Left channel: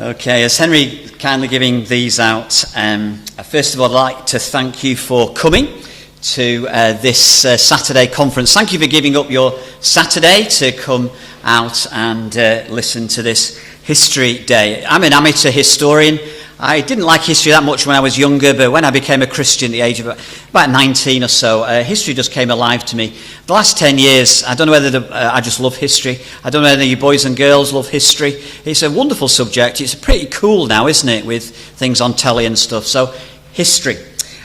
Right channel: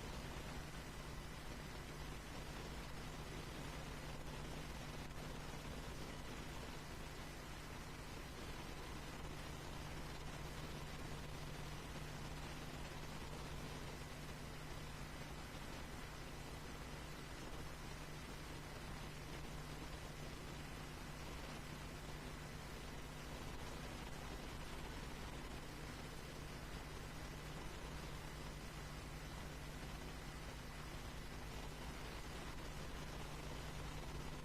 Okay, as Henry kindly giving these out, first of all, I'd like to thank you for coming to this Saturday conference. Thank you for giving up your Saturday to come out and listen to this History Day. I'm an amateur historian. I didn't like history that much when I was younger, but when I became a Christian at the age of about 19 or so, history just came alive to me. The last 10 years, I don't know whether I just love history. I don't know whether you boys and girls love history. It's a wonderful subject. It's pretty cool now, isn't it, with things on telly and stuff. So, history.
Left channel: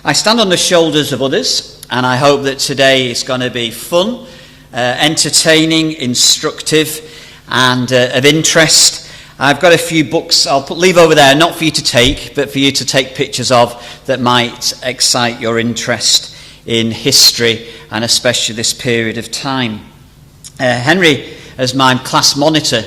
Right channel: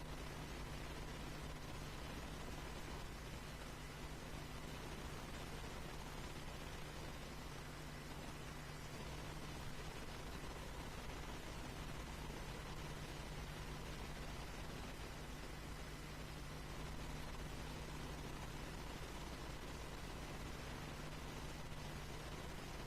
I stand on the shoulders of others, and I hope that today is going to be fun, entertaining, instructive, and of interest. I've got a few books I'll leave over there, not for you to take, but for you to take pictures of that might excite your interest in history, and especially this period of time. Henry, as my class monitor,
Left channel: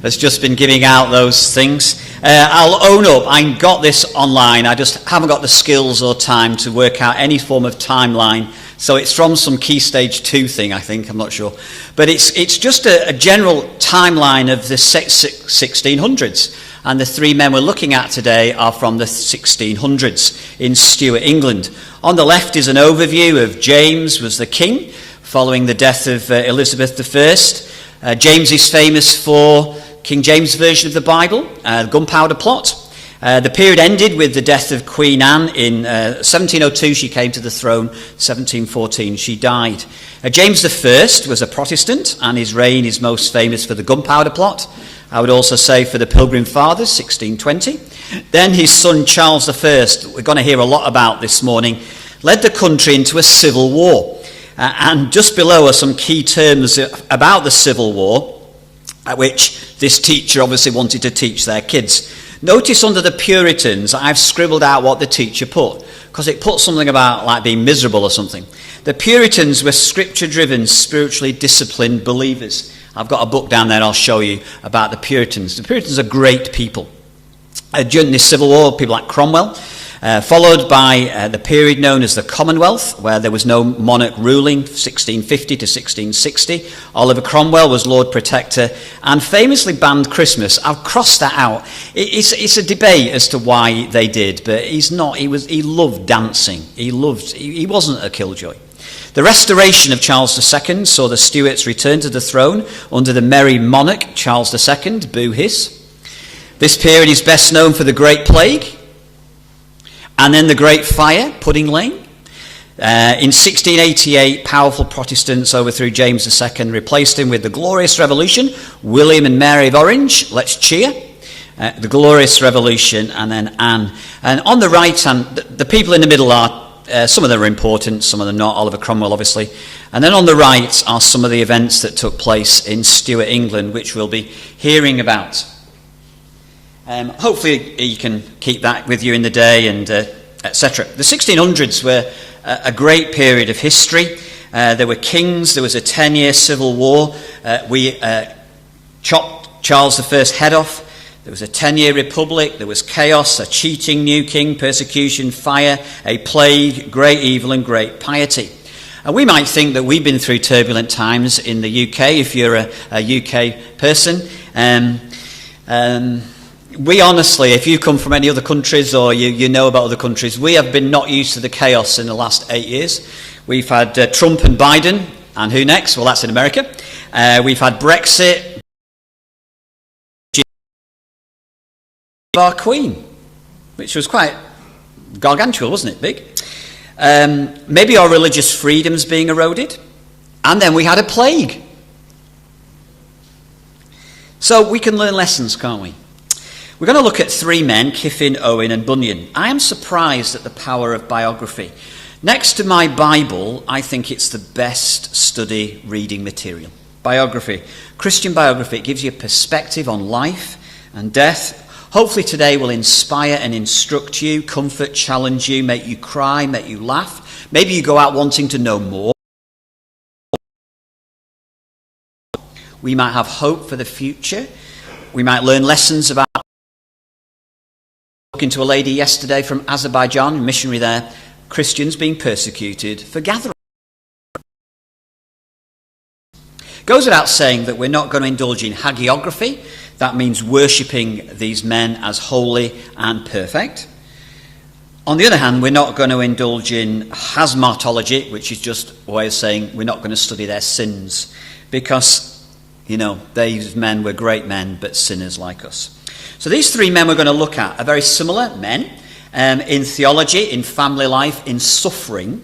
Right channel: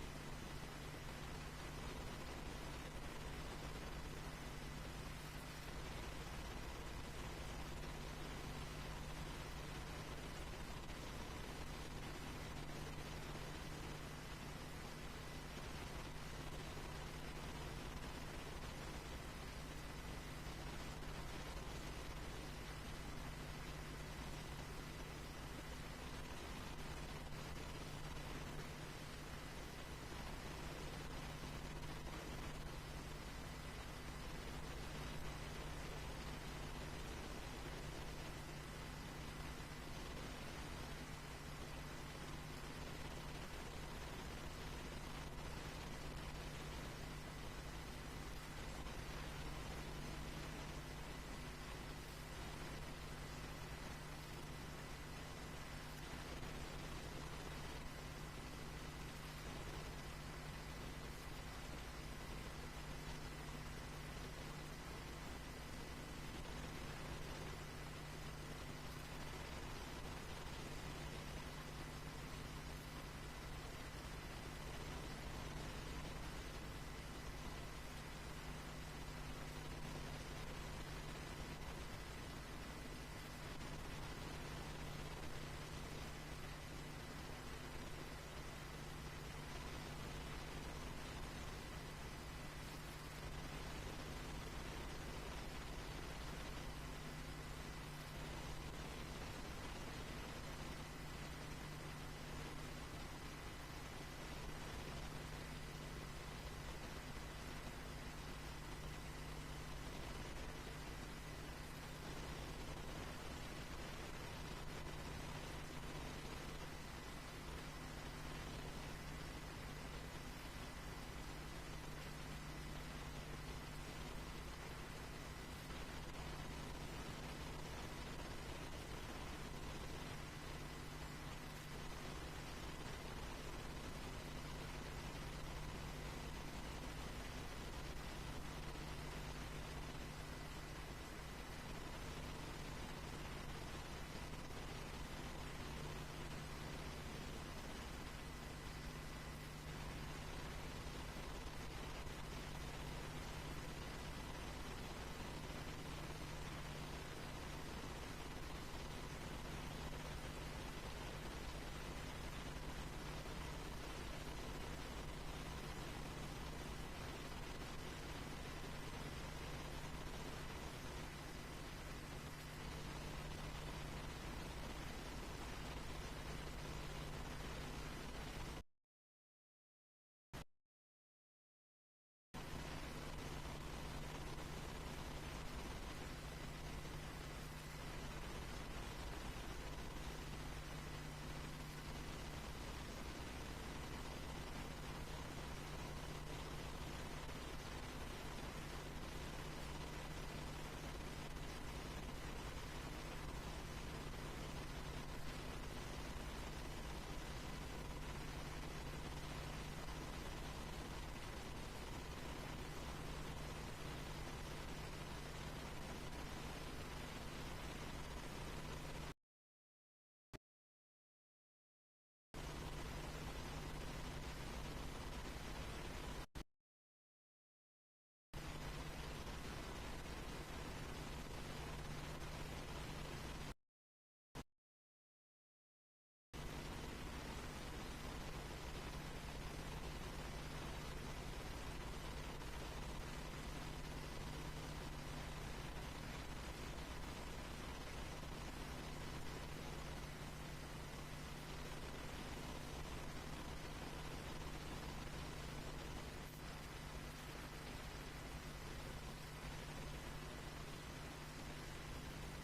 has just been giving out those things. I'll own up, I got this online, I just haven't got the skills or time to work out any form of timeline. So it's from some Key Stage 2 thing, I think, I'm not sure. But it's just a general timeline of the 1600s. And the three men we're looking at today are from the 1600s in Stuart, England. On the left is an overview of James was the king, following the death of Elizabeth I. James is famous for King James' version of the Bible, the Gunpowder Plot. The period ended with the death of Queen Anne in 1702. She came to the throne. 1714 she died. James I was a Protestant, and his reign is most famous for the Gunpowder Plot. I would also say for the Pilgrim Fathers, 1620. Then his son Charles I, we're going to hear a lot about this morning, led the country into a civil war. And just below are some key terms about the Civil War, which this teacher obviously wanted to teach their kids. Notice under the Puritans, I've scribbled out what the teacher put, because it put something about like being miserable or something. The Puritans were scripture-driven, spiritually disciplined believers. I've got a book down there I'll show you about the Puritans. The Puritans are great people. During the Civil War, people like Cromwell, followed by the period known as the Commonwealth, where there was no monarch ruling, 1650 to 1660. Oliver Cromwell was Lord Protector and famously banned Christmas. I've crossed that out. It's a debate as to why they did, but he's not. He loved dancing. He wasn't a killjoy. The restoration of Charles II saw the Stuarts return to the throne under the merry monarch Charles II, boo hiss. This period is best known for the Great Plague, and then the Great Fire, Pudding Lane. In 1688, powerful Protestants overthrew James II, replaced him with the Glorious Revolution, William and Mary of Orange, let's cheer. The Glorious Revolution, and then Anne. And on the right hand, the people in the middle are, some of them are important, some of them not, Oliver Cromwell obviously. And then on the right are some of the events that took place in Stuart, England, which we'll be hearing about. Hopefully you can keep that with you in the day, and etc. The 1600s were a great period of history. There were kings, there was a 10-year civil war. We chopped Charles I's head off. There was a 10-year republic, there was chaos, a cheating new king, persecution, fire, a plague, great evil and great piety. And we might think that we've been through turbulent times in the UK, if you're a UK person. We honestly, if you come from any other countries or you know about other countries, we have been not used to the chaos in the last 8 years. We've had Trump and Biden, and who next? Well, that's in America. We've had Brexit. Our Queen, which was quite gargantuan, wasn't it? Big. Maybe our religious freedoms being eroded. And then we had a plague. So we can learn lessons, can't we? We're going to look at three men, Kiffin, Owen and Bunyan. I am surprised at the power of biography. Next to my Bible, I think it's the best study reading material. Biography. Christian biography. It gives you a perspective on life and death. Hopefully today will inspire and instruct you, comfort, challenge you, make you cry, make you laugh. Maybe you go out wanting to know more. We might have hope for the future. We might learn lessons about talking to a lady yesterday from Azerbaijan, a missionary there, Christians being persecuted for gathering. Goes without saying that we're not going to indulge in hagiography. That means worshipping these men as holy and perfect. On the other hand, we're not going to indulge in hamartology, which is just a way of saying we're not going to study their sins, because, these men were great men, but sinners like us. So these three men we're going to look at are very similar men in theology, in family life, in suffering,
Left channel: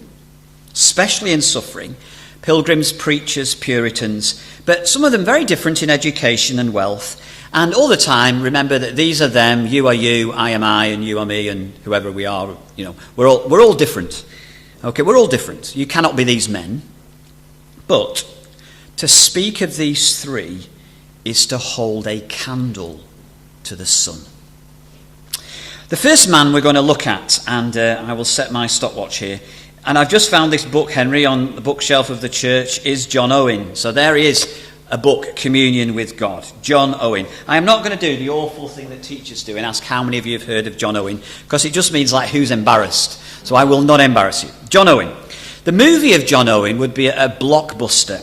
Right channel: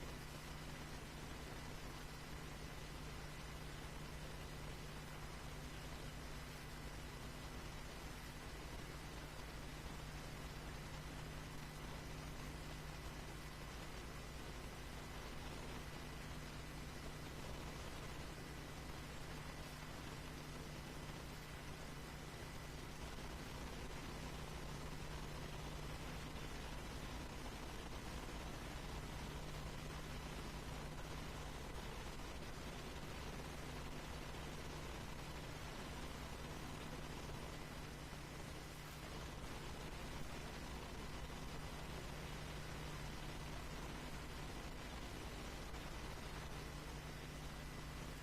especially in suffering. Pilgrims, preachers, Puritans, but some of them very different in education and wealth. And all the time, remember that these are them, you are you, I am I, and you are me, and whoever we are, we're all different. Okay, we're all different. You cannot be these men. But to speak of these three is to hold a candle to the sun. The first man we're going to look at, and I will set my stopwatch here, and I've just found this book, Henry, on the bookshelf of the church, is John Owen. So there he is. A book, Communion with God, John Owen. I am not going to do the awful thing that teachers do and ask how many of you have heard of John Owen, because it just means who's embarrassed. So I will not embarrass you. John Owen. The movie of John Owen would be a blockbuster.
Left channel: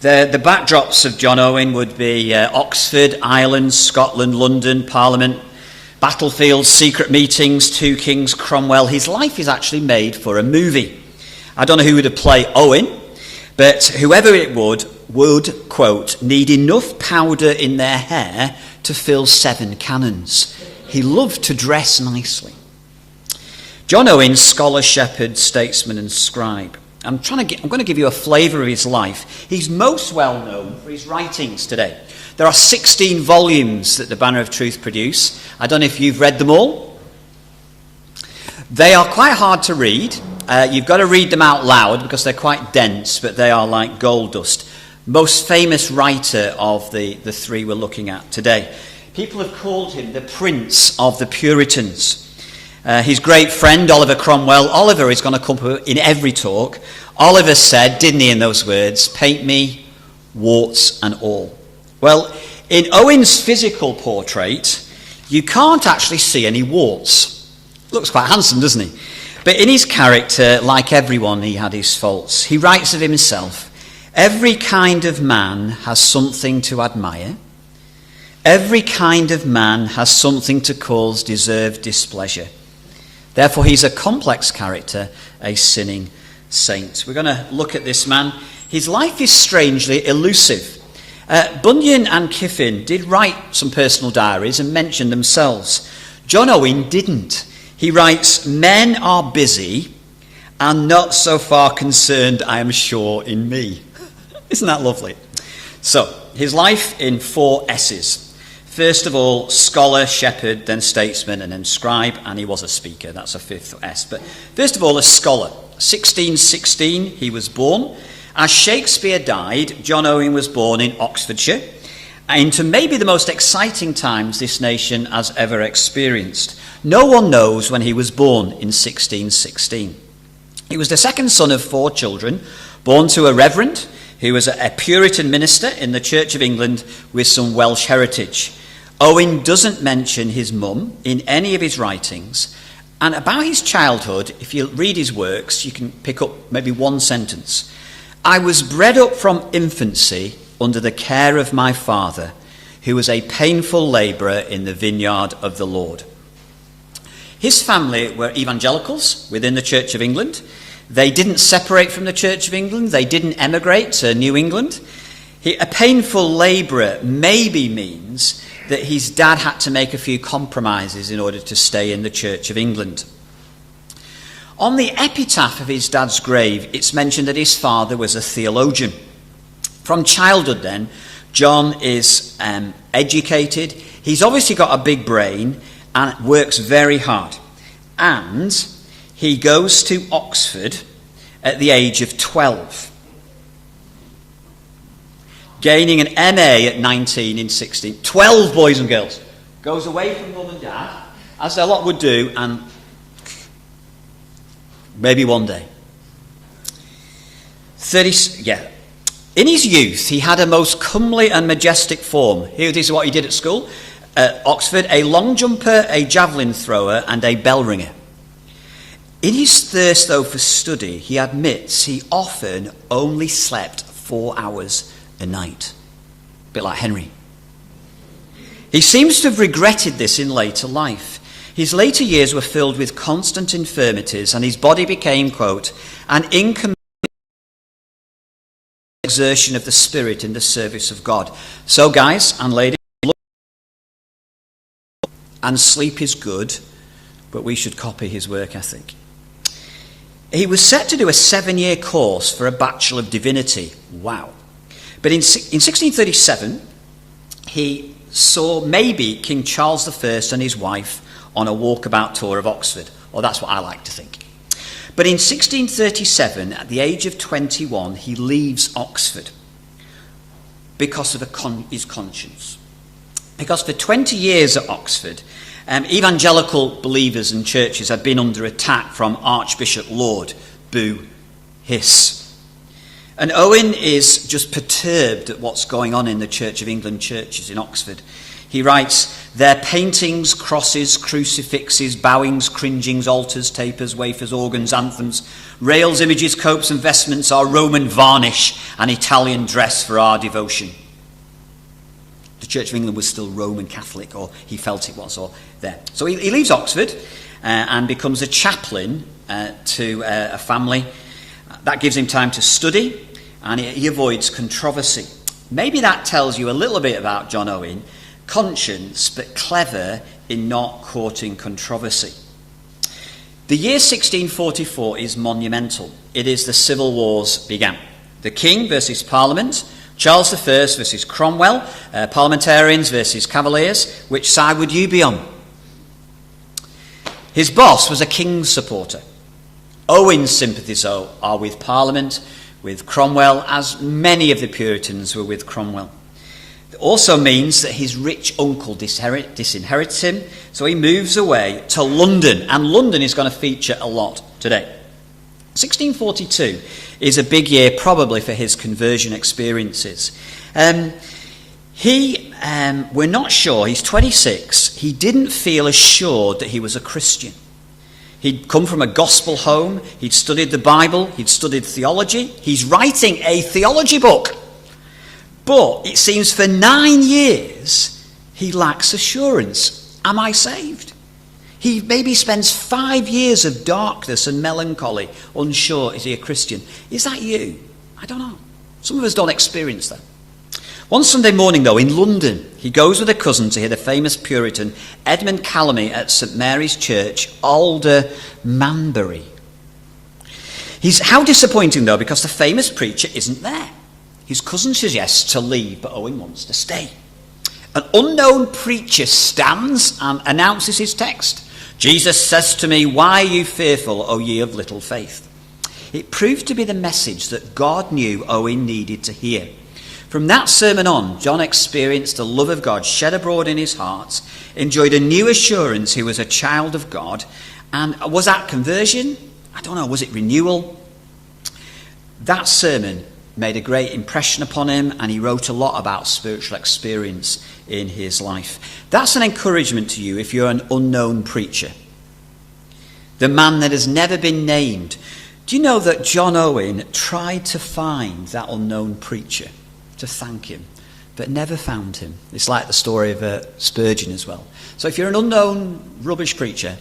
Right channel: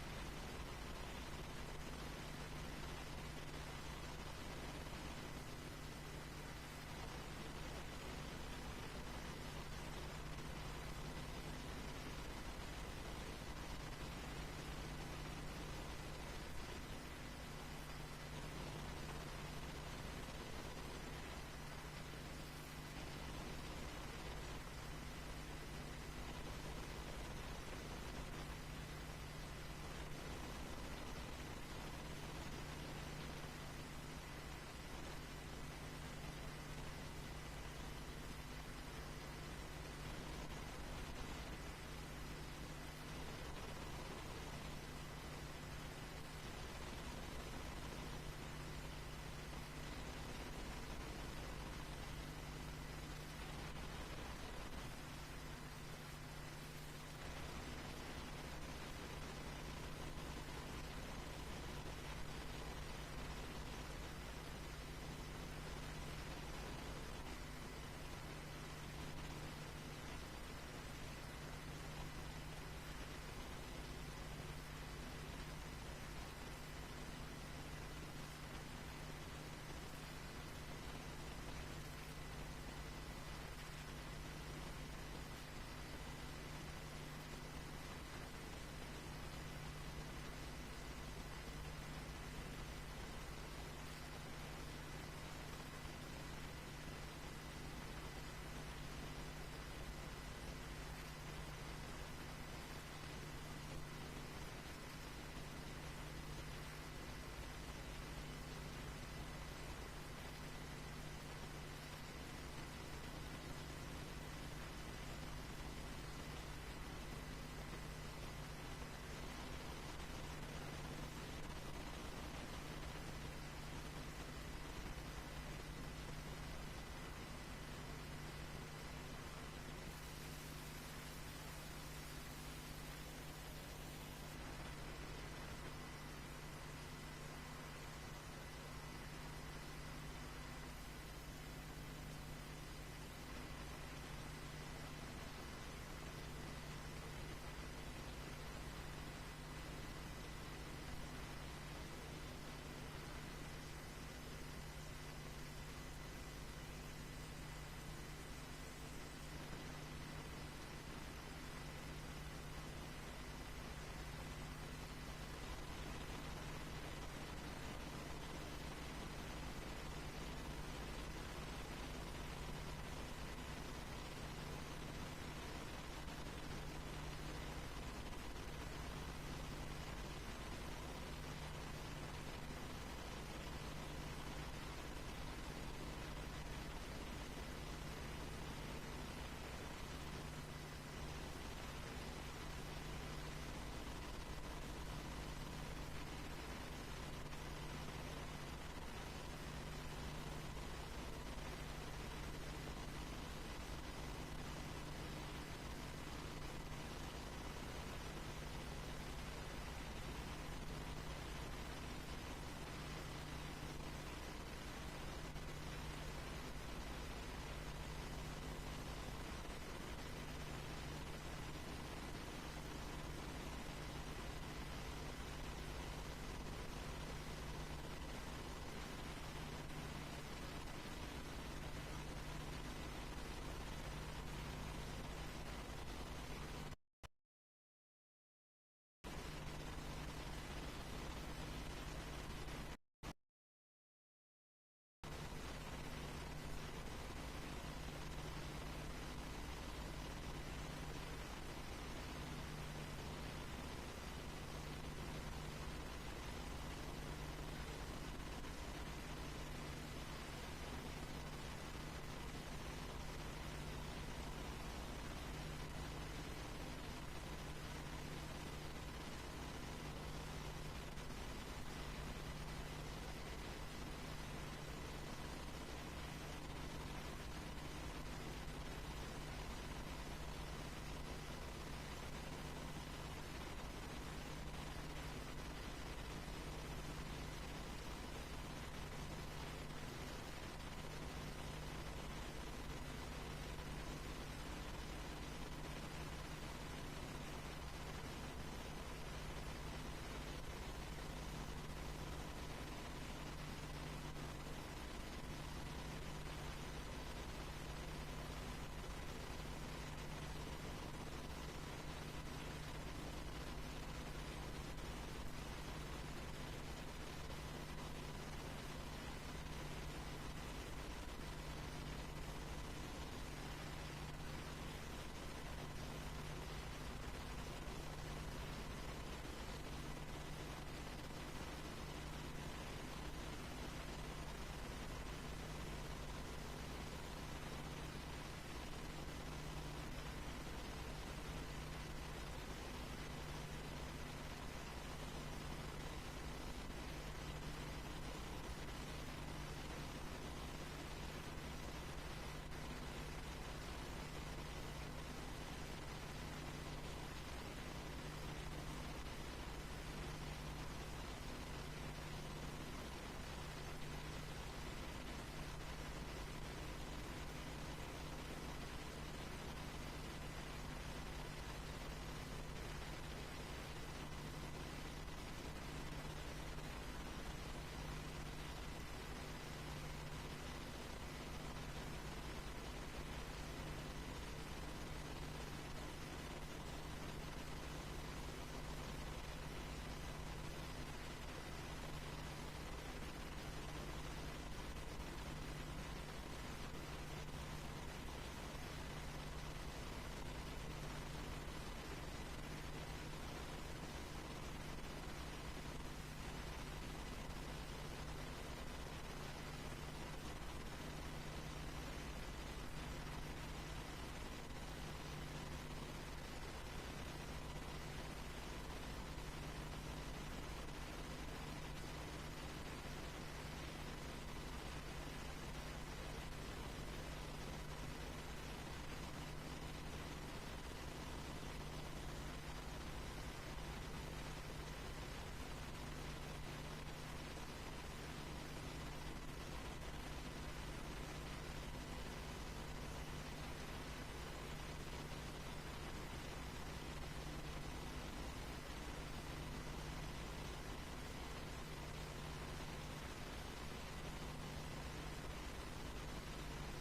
The backdrops of John Owen would be Oxford, Ireland, Scotland, London, Parliament, battlefields, secret meetings, two kings, Cromwell. His life is actually made for a movie. I don't know who would play Owen, but whoever it would, quote, need enough powder in their hair to fill 7 cannons. He loved to dress nicely. John Owen, scholar, shepherd, statesman, and scribe. I'm going to give you a flavour of his life. He's most well known for his writings today. There are 16 volumes that the Banner of Truth produce. I don't know if you've read them all. They are quite hard to read. You've got to read them out loud because they're quite dense, but they are like gold dust. Most famous writer of the three we're looking at today. People have called him the Prince of the Puritans. His great friend, Oliver Cromwell. Oliver is going to come in every talk. Oliver said, didn't he, in those words, paint me, warts and all. Well, in Owen's physical portrait, you can't actually see any warts. Looks quite handsome, doesn't he? But in his character, like everyone, he had his faults. He writes of himself, every kind of man has something to admire. Every kind of man has something to cause deserved displeasure. Therefore, he's a complex character, a sinning saint. We're going to look at this man. His life is strangely elusive. Bunyan and Kiffin did write some personal diaries and mention themselves. John Owen didn't. He writes, men are busy and not so far concerned, I am sure, in me. Isn't that lovely? So, his life in 4 S's. First of all, scholar, shepherd, then statesman, and then scribe, and he was a speaker. That's a 5th S. But first of all, a scholar. 1616, he was born. As Shakespeare died, John Owen was born in Oxfordshire, into maybe the most exciting times this nation has ever experienced. No one knows when he was born in 1616. He was the second son of 4 children, born to a reverend who was a Puritan minister in the Church of England with some Welsh heritage. Owen doesn't mention his mum in any of his writings. And about his childhood, if you read his works, you can pick up maybe one sentence. I was bred up from infancy under the care of my father, who was a painful labourer in the vineyard of the Lord. His family were evangelicals within the Church of England. They didn't separate from the Church of England. They didn't emigrate to New England. A painful labourer maybe means that his dad had to make a few compromises in order to stay in the Church of England. On the epitaph of his dad's grave, it's mentioned that his father was a theologian. From childhood then, John is educated. He's obviously got a big brain and works very hard. And he goes to Oxford at the age of 12. Gaining an MA at 19 in 16. 12 boys and girls. Goes away from mum and dad, as a lot would do, and maybe one day. In his youth, he had a most comely and majestic form. Here, this is what he did at school. At Oxford, a long jumper, a javelin thrower, and a bell ringer. In his thirst, though, for study, he admits he often only slept 4 hours a night. A bit like Henry. He seems to have regretted this in later life. His later years were filled with constant infirmities, and his body became, quote, an incommensurable exertion of the Spirit in the service of God. So, guys and ladies, and sleep is good, but we should copy his work ethic. He was set to do a 7-year course for a Bachelor of Divinity. Wow. But in 1637, he saw maybe King Charles I and his wife on a walkabout tour of Oxford. Or that's what I like to think. But in 1637, at the age of 21, he leaves Oxford because of his conscience. Because for 20 years at Oxford, evangelical believers and churches had been under attack from Archbishop Laud, boo, hiss. And Owen is just perturbed at what's going on in the Church of England churches in Oxford. He writes, their paintings, crosses, crucifixes, bowings, cringings, altars, tapers, wafers, organs, anthems, rails, images, copes and vestments are Roman varnish and Italian dress for our devotion. The Church of England was still Roman Catholic, or he felt it was, or there. So he leaves Oxford and becomes a chaplain to a family. That gives him time to study, and he avoids controversy. Maybe that tells you a little bit about John Owen. Conscience, but clever in not courting controversy. The year 1644 is monumental. It is the civil wars began. The king versus parliament, Charles I versus Cromwell, parliamentarians versus cavaliers. Which side would you be on? His boss was a king's supporter. Owen's sympathies are with Parliament, with Cromwell, as many of the Puritans were with Cromwell. It also means that his rich uncle disinherits him, so he moves away to London, and London is going to feature a lot today. 1642 is a big year probably for his conversion experiences. We're not sure, he's 26, he didn't feel assured that he was a Christian. He'd come from a gospel home, he'd studied the Bible, he'd studied theology, he's writing a theology book. But it seems for 9 years he lacks assurance. Am I saved? He maybe spends 5 years of darkness and melancholy, unsure, is he a Christian? Is that you? I don't know. Some of us don't experience that. One Sunday morning, though, in London, he goes with a cousin to hear the famous Puritan Edmund Calamy at St Mary's Church, Alder Manbury. How disappointing, though, because the famous preacher isn't there. His cousin suggests to leave, but Owen wants to stay. An unknown preacher stands and announces his text. Jesus says to me, why are you fearful, O ye of little faith? It proved to be the message that God knew Owen needed to hear. From that sermon on, John experienced the love of God shed abroad in his heart, enjoyed a new assurance he was a child of God. And was that conversion? I don't know, was it renewal? That sermon made a great impression upon him, and he wrote a lot about spiritual experience in his life. That's an encouragement to you if you're an unknown preacher. The man that has never been named. Do you know that John Owen tried to find that unknown preacher to thank him, but never found him? It's like the story of Spurgeon as well. So if you're an unknown rubbish preacher,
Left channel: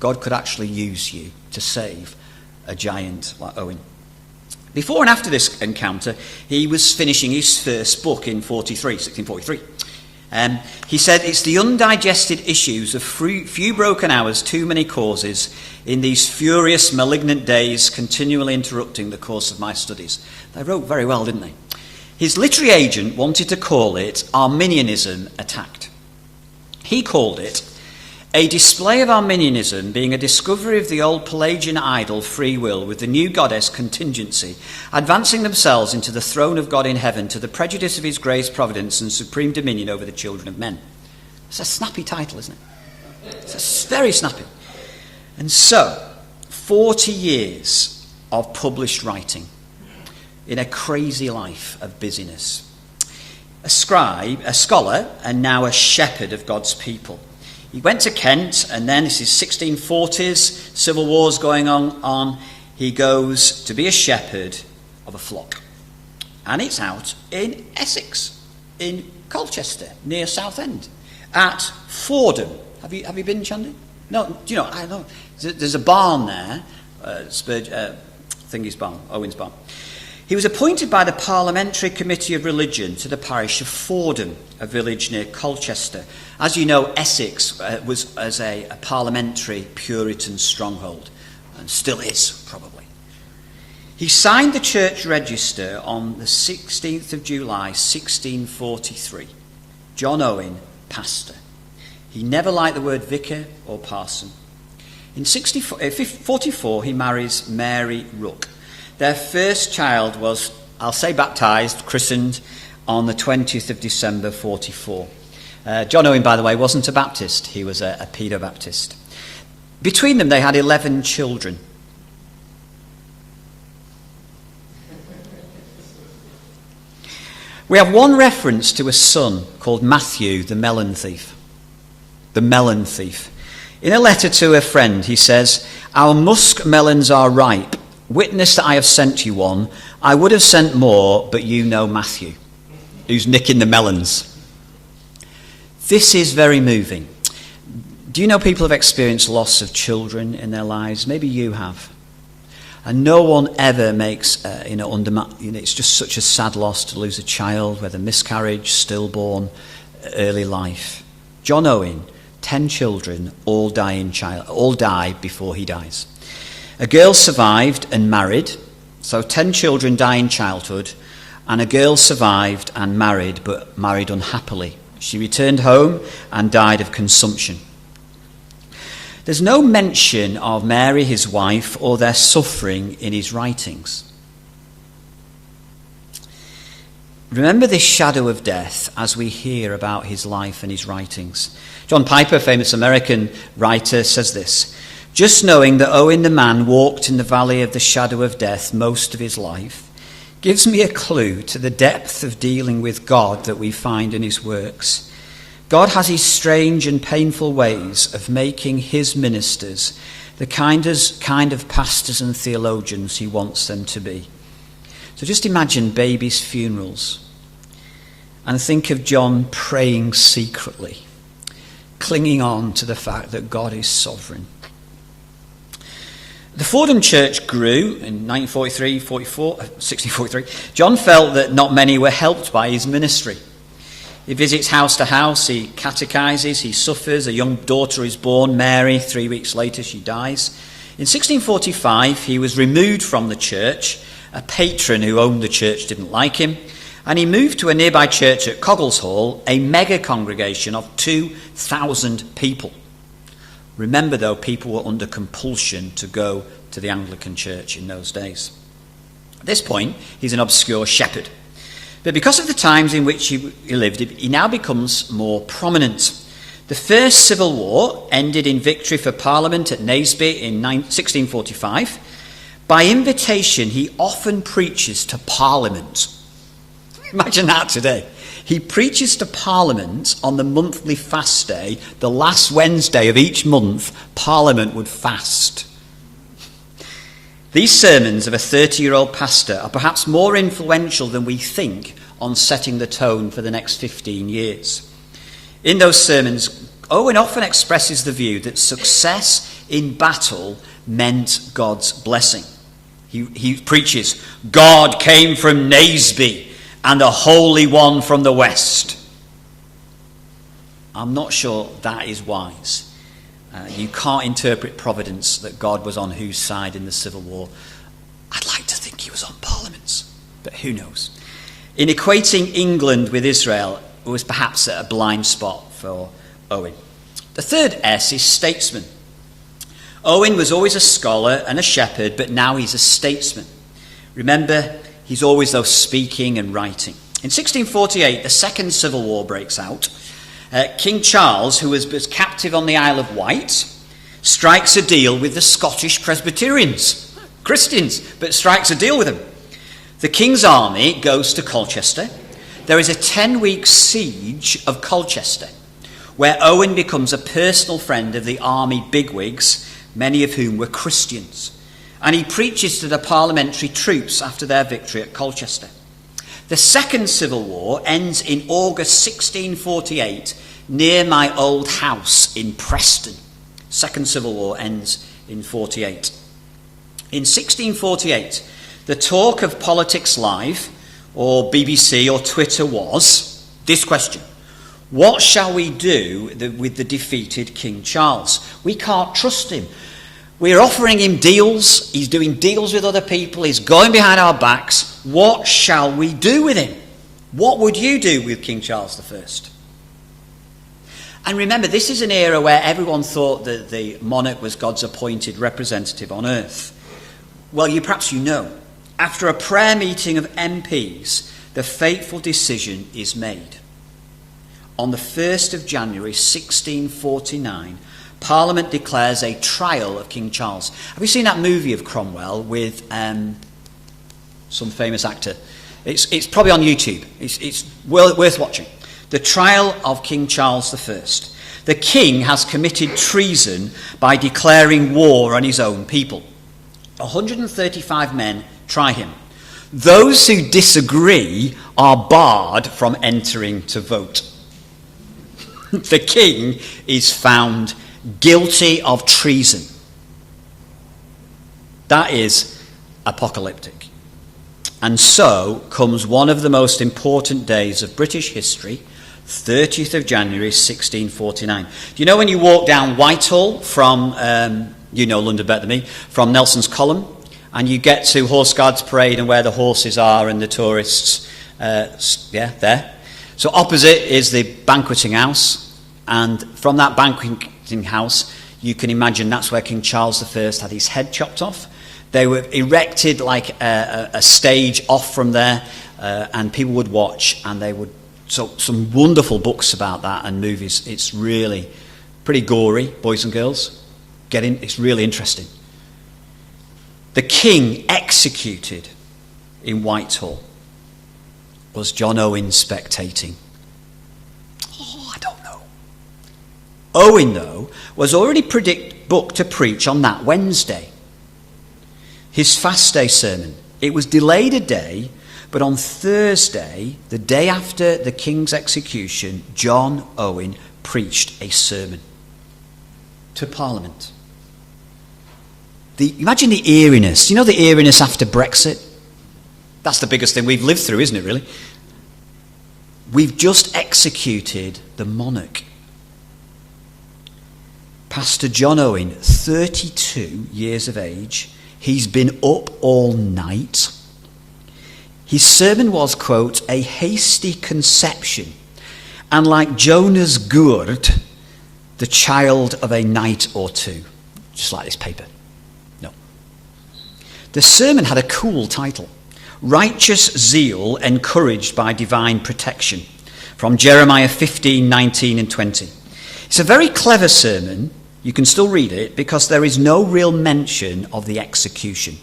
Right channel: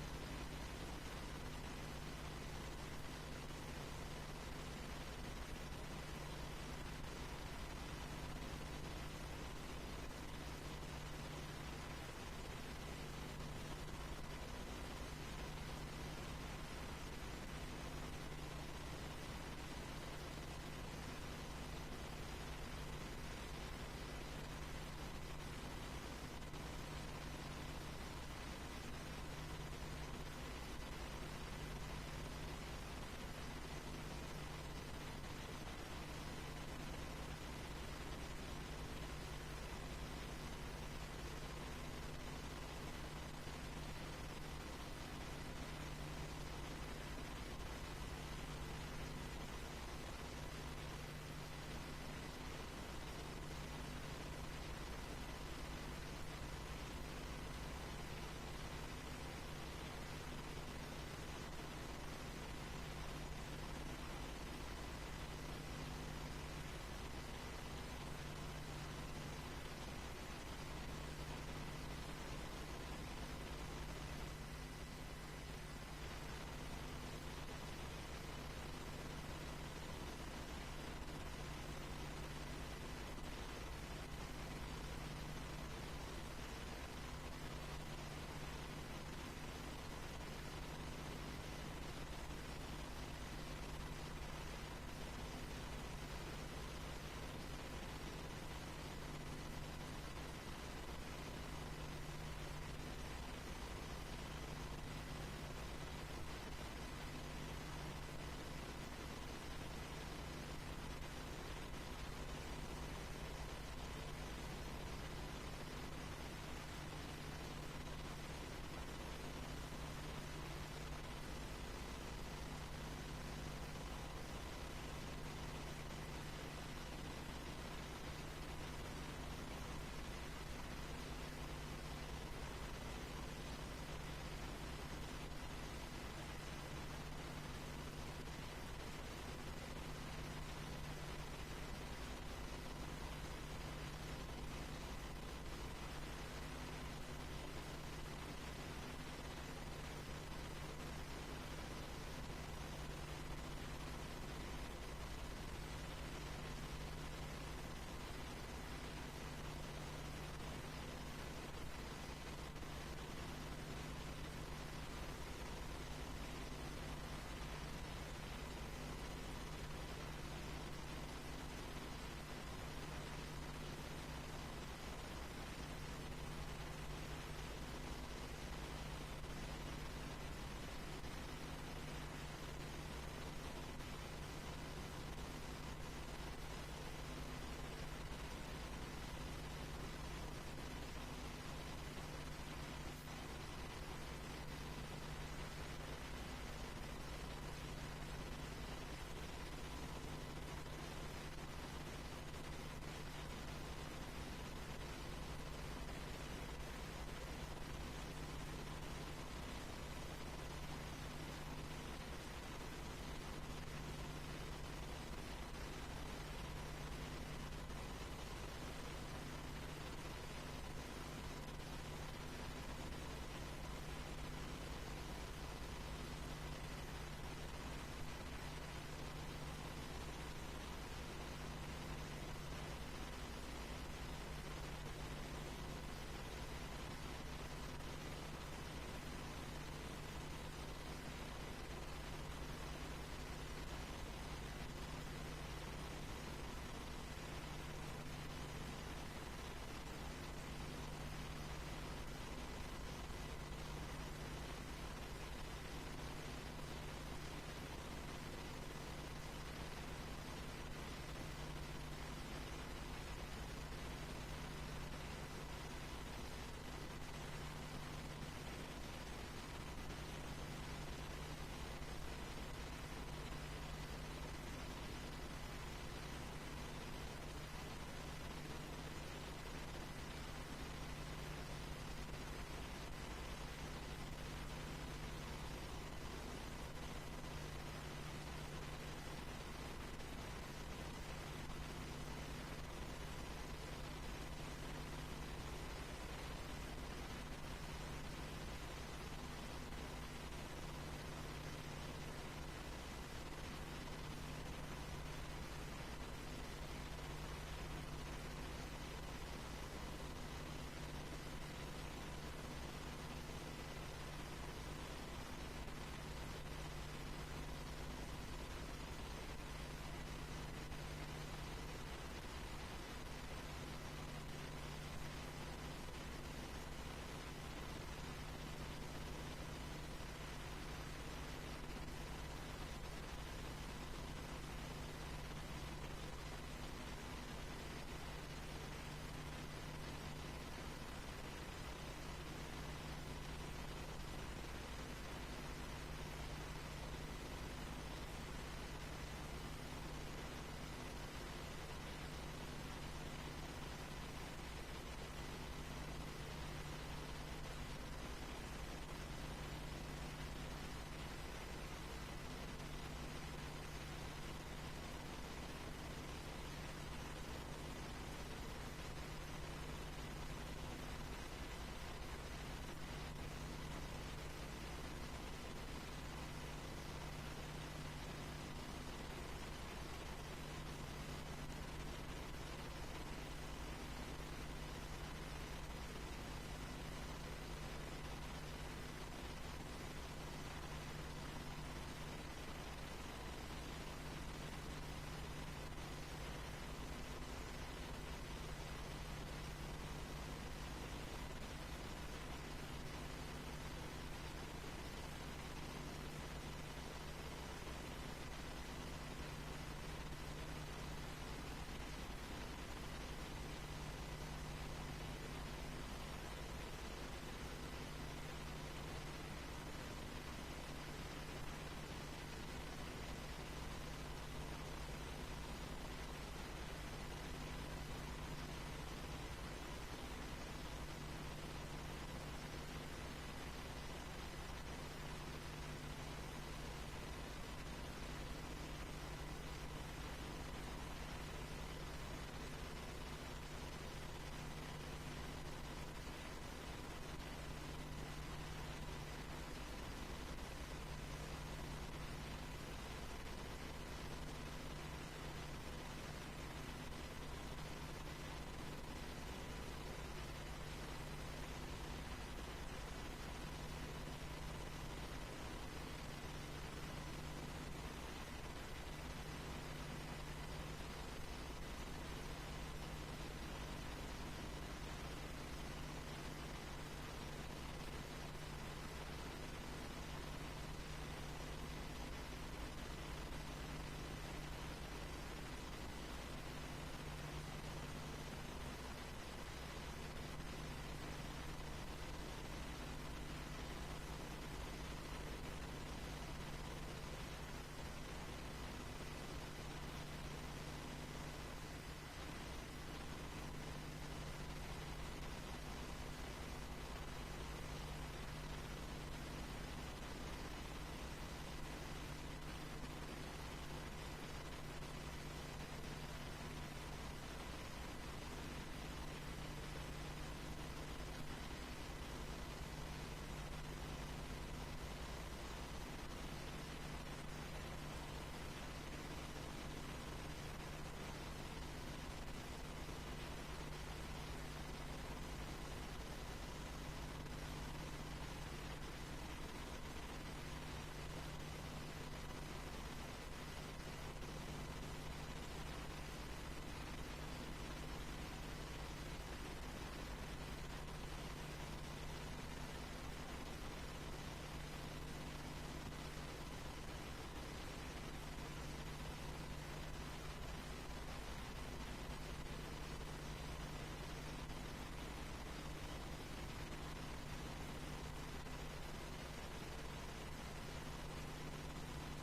God could actually use you to save a giant like Owen. Before and after this encounter, he was finishing his first book in 1643. He said, it's the undigested issues of few broken hours, too many causes, in these furious, malignant days, continually interrupting the course of my studies. They wrote very well, didn't they? His literary agent wanted to call it Arminianism Attacked. He called it a display of Arminianism being a discovery of the old Pelagian idol free will with the new goddess contingency, advancing themselves into the throne of God in heaven to the prejudice of his grace, providence and supreme dominion over the children of men. It's a snappy title, isn't it? It's very snappy. And so, 40 years of published writing in a crazy life of busyness. A scribe, a scholar, and now a shepherd of God's people. He went to Kent, and then this is 1640s, civil wars going on. He goes to be a shepherd of a flock. And it's out in Essex, in Colchester, near Southend. at Fordham. Have you been, Chandy? No, do you know? I know. There's a barn there, Thingy's barn, Owen's barn. He was appointed by the Parliamentary Committee of Religion to the parish of Fordham, a village near Colchester. As you know, Essex was as a parliamentary Puritan stronghold, and still is, probably. He signed the church register on the 16th of July, 1643. John Owen, pastor. He never liked the word vicar or parson. In 1644, he marries Mary Rook. Their first child was, I'll say baptised, christened on the 20th of December 44. John Owen, by the way, wasn't a Baptist. He was a Paedo-Baptist. Between them, they had 11 children. We have one reference to a son called Matthew, the melon thief. The melon thief. In a letter to a friend, he says, "Our musk melons are ripe. Witness that I have sent you one. I would have sent more, but you know Matthew, who's nicking the melons." This is very moving. Do you know people have experienced loss of children in their lives? Maybe you have. And no one ever makes, it's just such a sad loss to lose a child, whether miscarriage, stillborn, early life. John Owen, 10 children, all die before he dies. A girl survived and married, so 10 children die in childhood, and a girl survived and married, but married unhappily. She returned home and died of consumption. There's no mention of Mary, his wife, or their suffering in his writings. Remember this shadow of death as we hear about his life and his writings. John Piper, famous American writer, says this: "Just knowing that Owen the man walked in the valley of the shadow of death most of his life gives me a clue to the depth of dealing with God that we find in his works. God has his strange and painful ways of making his ministers the kind of pastors and theologians he wants them to be." So just imagine babies' funerals and think of John praying secretly, clinging on to the fact that God is sovereign. The Fordham church grew in 1643. John felt that not many were helped by his ministry. He visits house to house, he catechizes, he suffers. A young daughter is born, Mary. 3 weeks later, she dies. In 1645, he was removed from the church. A patron who owned the church didn't like him, and he moved to a nearby church at Coggleshall, a mega congregation of 2,000 people. Remember, though, people were under compulsion to go to the Anglican church in those days. At this point, he's an obscure shepherd. But because of the times in which he lived, he now becomes more prominent. The First Civil War ended in victory for Parliament at Naseby in 1645. By invitation, he often preaches to Parliament. Imagine that today. He preaches to Parliament on the monthly fast day. The last Wednesday of each month, Parliament would fast. These sermons of a 30-year-old pastor are perhaps more influential than we think on setting the tone for the next 15 years. In those sermons, Owen often expresses the view that success in battle meant God's blessing. He preaches, "God came from Naseby and the Holy One from the West." I'm not sure that is wise. You can't interpret providence that God was on whose side in the Civil War. I'd like to think he was on Parliament's, but who knows? In equating England with Israel, it was perhaps a blind spot for Owen. The third S is statesman. Owen was always a scholar and a shepherd, but now he's a statesman. Remember, he's always, though, speaking and writing. In 1648, the Second Civil War breaks out. King Charles, who was captive on the Isle of Wight, strikes a deal with the Scottish Presbyterians, Christians, but strikes a deal with them. The king's army goes to Colchester. There is a 10-week siege of Colchester, where Owen becomes a personal friend of the army bigwigs, many of whom were Christians, and he preaches to the parliamentary troops after their victory at Colchester. The Second Civil War ends in August 1648, near my old house in Preston. Second Civil War ends in 48. In 1648, the talk of Politics Live, or BBC or Twitter, was this question: what shall we do with the defeated King Charles? We can't trust him. We're offering him deals. He's doing deals with other people. He's going behind our backs. What shall we do with him? What would you do with King Charles I? And remember, this is an era where everyone thought that the monarch was God's appointed representative on earth. Well, perhaps you know, after a prayer meeting of MPs, the fateful decision is made. On the 1st of January 1649, Parliament declares a trial of King Charles. Have you seen that movie of Cromwell with some famous actor? It's probably on YouTube. It's worth watching. The trial of King Charles I. The king has committed treason by declaring war on his own people. 135 men try him. Those who disagree are barred from entering to vote. The king is found guilty of treason. That is apocalyptic. And so comes one of the most important days of British history, 30th of January 1649. Do you know when you walk down Whitehall from, you know London better than me, from Nelson's Column, and you get to Horse Guards Parade and where the horses are and the tourists, there. So opposite is the banqueting house, and from that banqueting house, you can imagine that's where King Charles I had his head chopped off. They were erected like a stage off from there, and people would watch, and they would. So some wonderful books about that and movies. It's really pretty gory, boys and girls. It's really interesting. The king executed in Whitehall was John Owen spectating. I don't know. Owen, though, was already booked to preach on that Wednesday. His fast day sermon. It was delayed a day, but on Thursday, the day after the king's execution, John Owen preached a sermon to Parliament. Imagine the eeriness. You know the eeriness after Brexit? That's the biggest thing we've lived through, isn't it, really? We've just executed the monarch. Pastor John Owen, 32 years of age, he's been up all night. His sermon was, quote, a hasty conception, and like Jonah's gourd, the child of a night or two. Just like this paper. No. The sermon had a cool title, Righteous Zeal Encouraged by Divine Protection, from Jeremiah 15, 19 and 20. It's a very clever sermon. You can still read it because there is no real mention of the execution.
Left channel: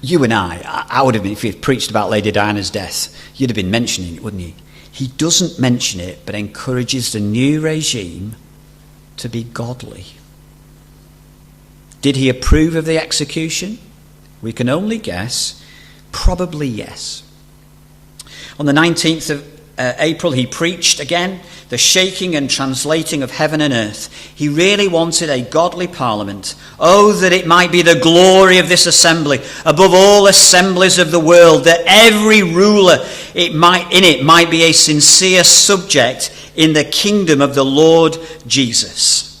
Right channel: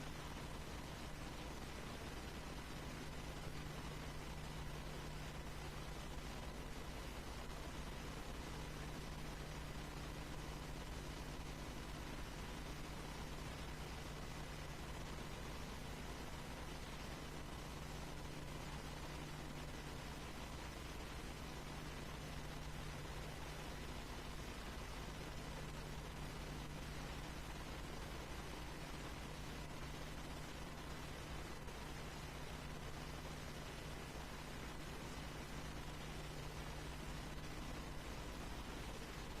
You and I would have been, if he had preached about Lady Diana's death, you'd have been mentioning it, wouldn't you? He doesn't mention it, but encourages the new regime to be godly. Did he approve of the execution? We can only guess. Probably yes. On the 19th of April, he preached again, the shaking and translating of heaven and earth. He really wanted a godly parliament. Oh, that it might be the glory of this assembly, above all assemblies of the world, that every ruler in it might be a sincere subject in the kingdom of the Lord Jesus.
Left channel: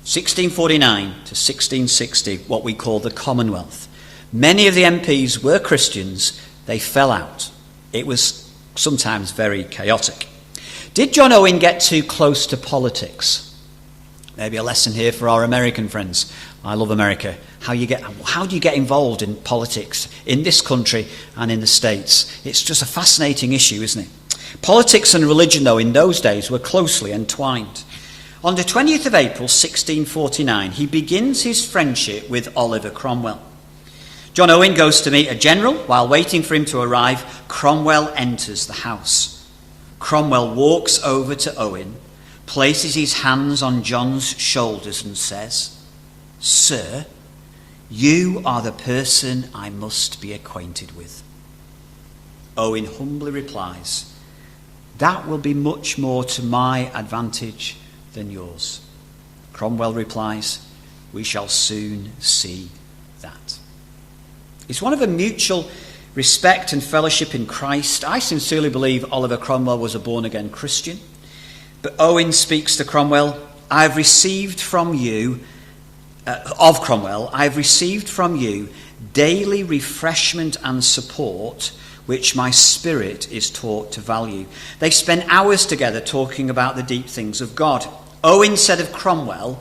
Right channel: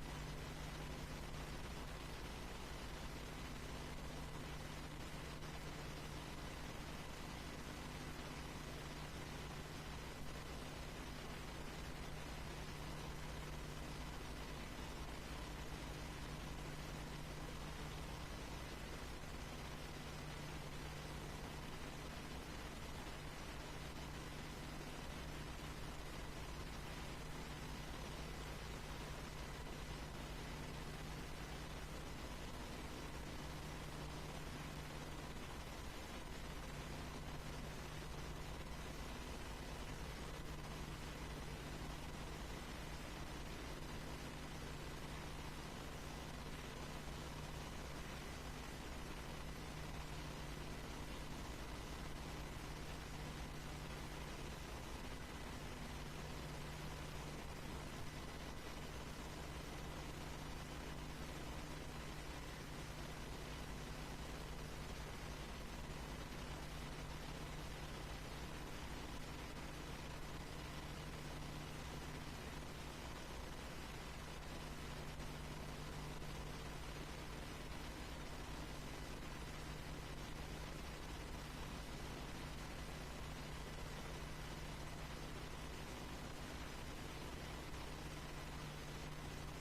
1649 to 1660, what we call the Commonwealth. Many of the MPs were Christians. They fell out. It was sometimes very chaotic. Did John Owen get too close to politics? Maybe a lesson here for our American friends. I love America. How do you get involved in politics in this country and in the States? It's just a fascinating issue, isn't it? Politics and religion, though, in those days were closely entwined. On the 20th of April, 1649, he begins his friendship with Oliver Cromwell. John Owen goes to meet a general. While waiting for him to arrive, Cromwell enters the house. Cromwell walks over to Owen, places his hands on John's shoulders and says, "Sir, you are the person I must be acquainted with." Owen humbly replies, That will be much more to my advantage than yours. Cromwell replies, we shall soon see that. It's one of a mutual respect and fellowship in Christ. I sincerely believe Oliver Cromwell was a born-again Christian. But Owen speaks to Cromwell, I have received from you daily refreshment and support, which my spirit is taught to value. They spent hours together talking about the deep things of God. Owen said of Cromwell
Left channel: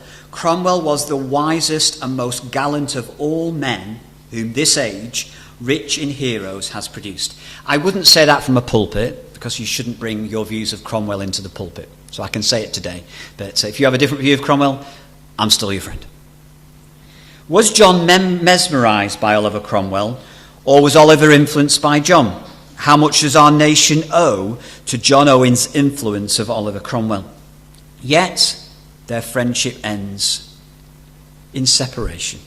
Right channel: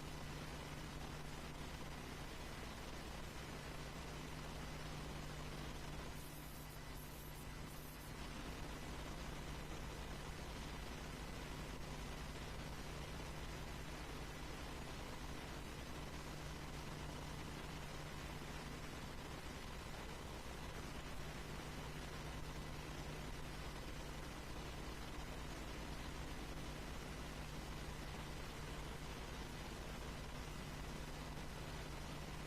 was the wisest and most gallant of all men whom this age, rich in heroes, has produced. I wouldn't say that from a pulpit, because you shouldn't bring your views of Cromwell into the pulpit. So I can say it today. But if you have a different view of Cromwell, I'm still your friend. Was John mesmerised by Oliver Cromwell, or was Oliver influenced by John? How much does our nation owe to John Owen's influence of Oliver Cromwell? Yet their friendship ends in separation.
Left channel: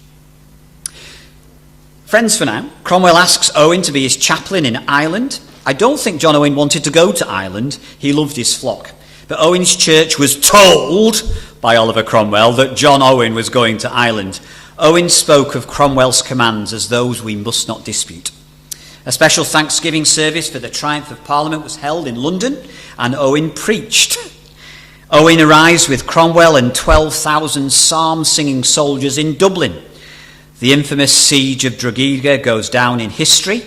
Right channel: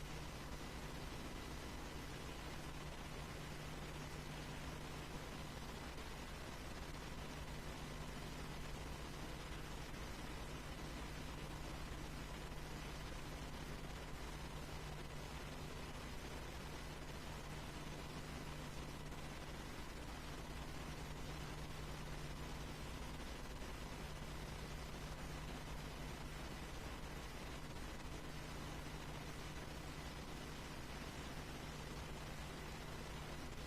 Friends for now. Cromwell asks Owen to be his chaplain in Ireland. I don't think John Owen wanted to go to Ireland. He loved his flock. But Owen's church was told by Oliver Cromwell that John Owen was going to Ireland. Owen spoke of Cromwell's commands as those we must not dispute. A special Thanksgiving service for the triumph of Parliament was held in London, and Owen preached. Owen arrives with Cromwell and 12,000 psalm-singing soldiers in Dublin. The infamous siege of Drogheda goes down in history.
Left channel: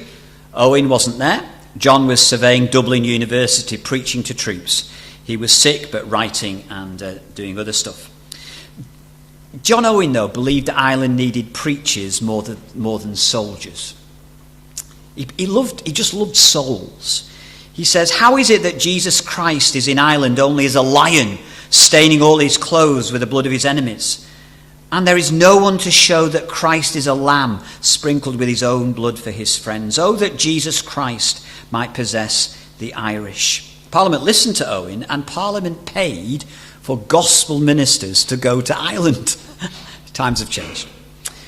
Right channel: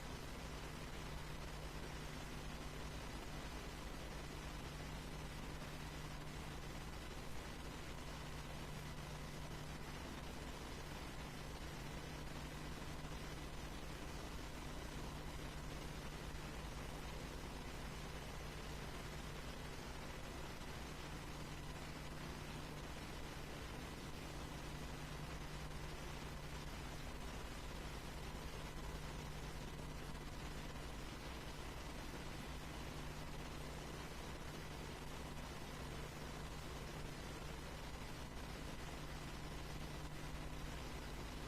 Owen wasn't there. John was surveying Dublin University, preaching to troops. He was sick, but writing and doing other stuff. John Owen, though, believed that Ireland needed preachers more than soldiers. He just loved souls. He says, how is it that Jesus Christ is in Ireland only as a lion, staining all his clothes with the blood of his enemies? And there is no one to show that Christ is a lamb, sprinkled with his own blood for his friends. Oh, that Jesus Christ might possess the Irish. Parliament listened to Owen, and Parliament paid for gospel ministers to go to Ireland. Times have changed.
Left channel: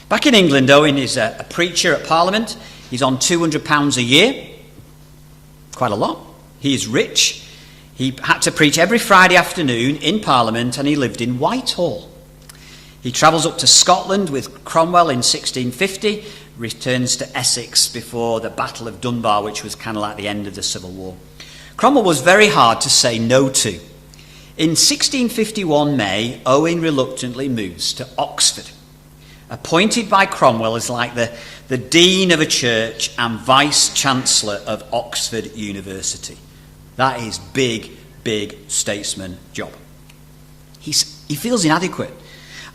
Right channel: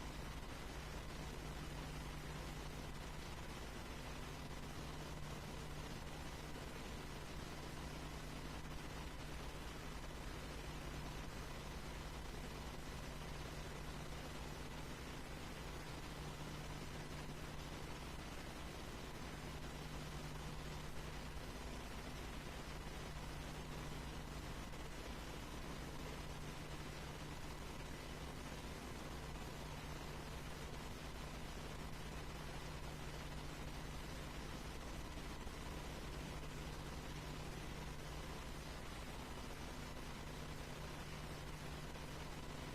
Back in England, Owen is a preacher at Parliament. He's on £200 a year. Quite a lot. He is rich. He had to preach every Friday afternoon in Parliament, and he lived in Whitehall. He travels up to Scotland with Cromwell in 1650, returns to Essex before the Battle of Dunbar, which was kind of like the end of the Civil War. Cromwell was very hard to say no to. In 1651 May, Owen reluctantly moves to Oxford. Appointed by Cromwell as like the dean of a church and vice-chancellor of Oxford University. That is big statesman job. He feels inadequate.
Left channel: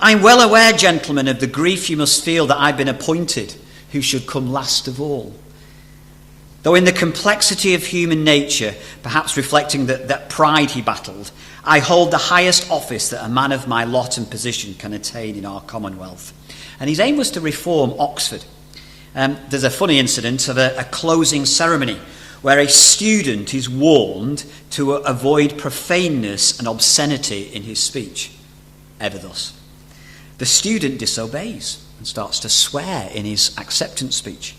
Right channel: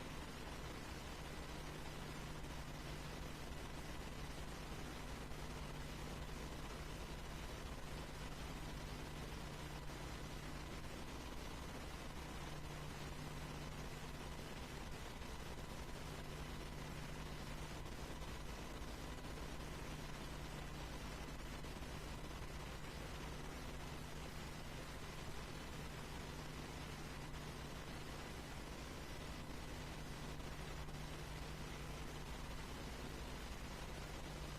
I'm well aware, gentlemen, of the grief you must feel that I've been appointed, who should come last of all. Though in the complexity of human nature, perhaps reflecting that pride he battled, I hold the highest office that a man of my lot and position can attain in our Commonwealth. And his aim was to reform Oxford. There's a funny incident of a closing ceremony where a student is warned to avoid profaneness and obscenity in his speech. Ever thus. The student disobeys and starts to swear in his acceptance speech.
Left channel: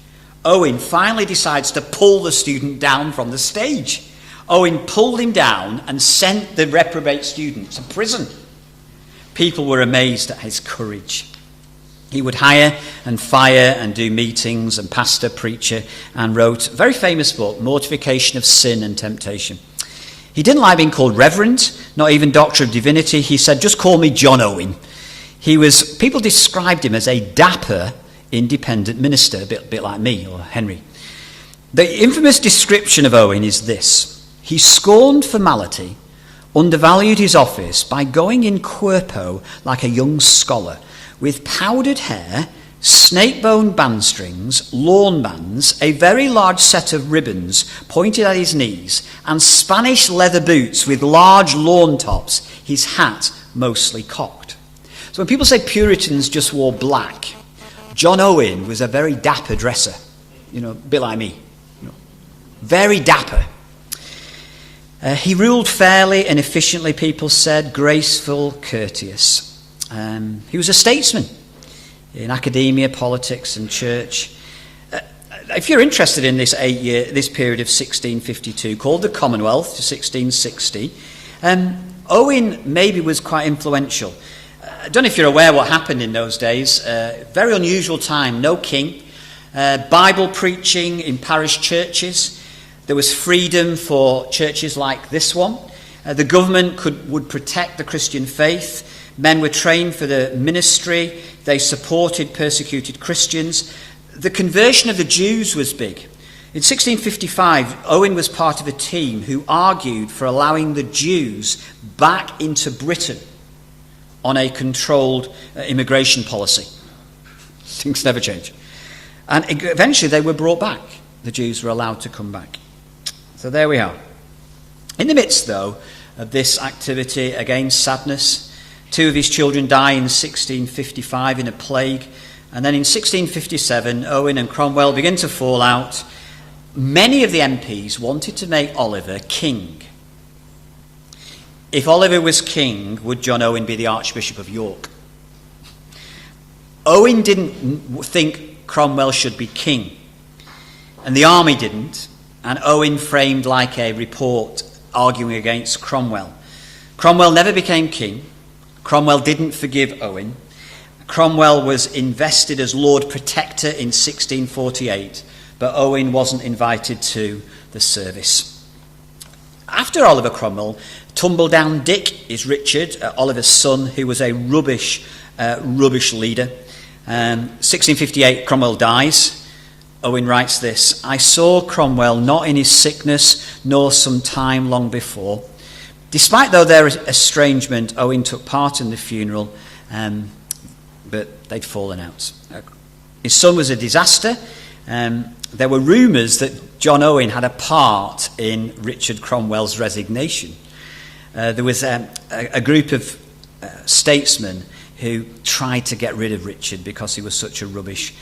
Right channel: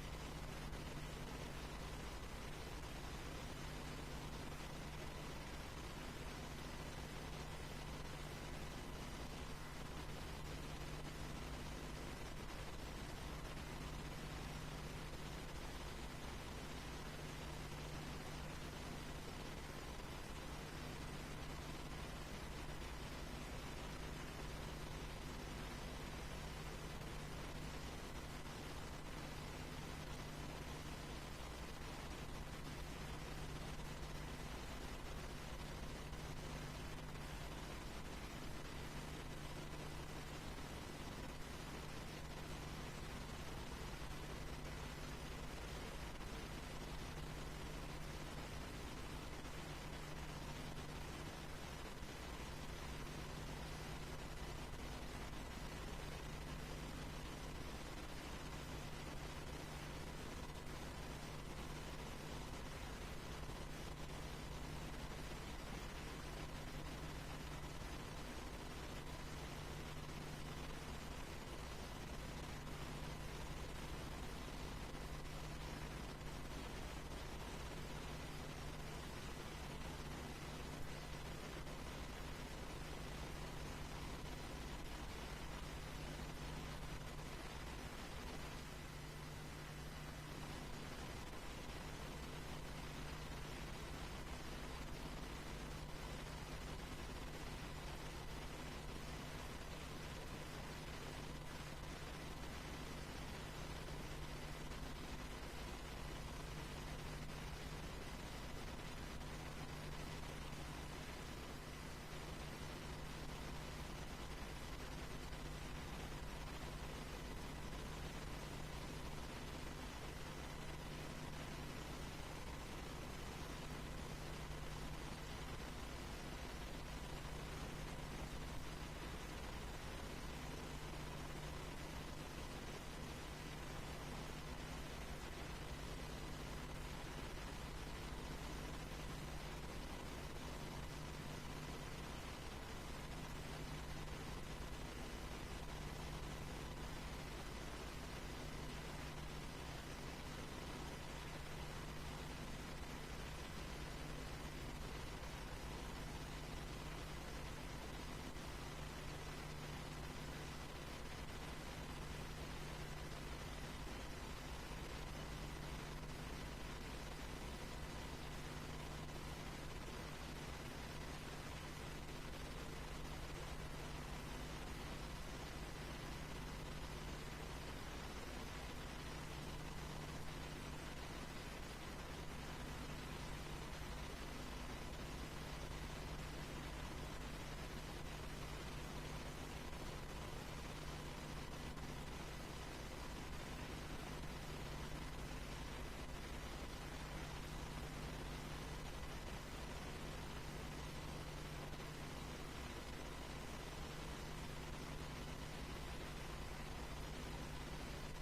Owen finally decides to pull the student down from the stage. Owen pulled him down and sent the reprobate student to prison. People were amazed at his courage. He would hire and fire and do meetings and pastor, preacher, and wrote a very famous book, Mortification of Sin and Temptation. He didn't like being called Reverend, not even Doctor of Divinity. He said, just call me John Owen. People described him as a dapper, independent minister, a bit like me or Henry. The infamous description of Owen is this. He scorned formality, undervalued his office by going in cuerpo like a young scholar, with powdered hair, snake-bone band strings, lawn bands, a very large set of ribbons pointed at his knees, and Spanish leather boots with large lawn tops, his hat mostly cocked. So when people say Puritans just wore black, John Owen was a very dapper dresser, a bit like me. Very dapper. He ruled fairly and efficiently, people said, graceful, courteous. He was a statesman in academia, politics and church. if you're interested in this this period of 1652, called the Commonwealth to 1660, Owen maybe was quite influential. I don't know if you're aware what happened in those days. Very unusual time, no king, Bible preaching in parish churches. There was freedom for churches like this one. The government would protect the Christian faith. Men were trained for the ministry. They supported persecuted Christians. The conversion of the Jews was big. In 1655, Owen was part of a team who argued for allowing the Jews back into Britain on a controlled immigration policy. Things never change. And eventually they were brought back. The Jews were allowed to come back. So there we are. In the midst, though, of this activity, again, sadness. 2 of his children die in 1655 in a plague. And then in 1657, Owen and Cromwell begin to fall out. Many of the MPs wanted to make Oliver king. If Oliver was king, would John Owen be the Archbishop of York? Owen didn't think Cromwell should be king. And the army didn't. And Owen framed like a report arguing against Cromwell. Cromwell never became king. Cromwell didn't forgive Owen. Cromwell was invested as Lord Protector in 1648, but Owen wasn't invited to the service. After Oliver Cromwell, Tumbledown Dick is Richard, Oliver's son, who was a rubbish leader. 1658, Cromwell dies. Owen writes this: I saw Cromwell not in his sickness, nor some time long before. Despite, though, their estrangement, Owen took part in the funeral, but they'd fallen out. His son was a disaster. There were rumours that John Owen had a part in Richard Cromwell's resignation. There was a group of statesmen who tried to get rid of Richard because he was such a rubbish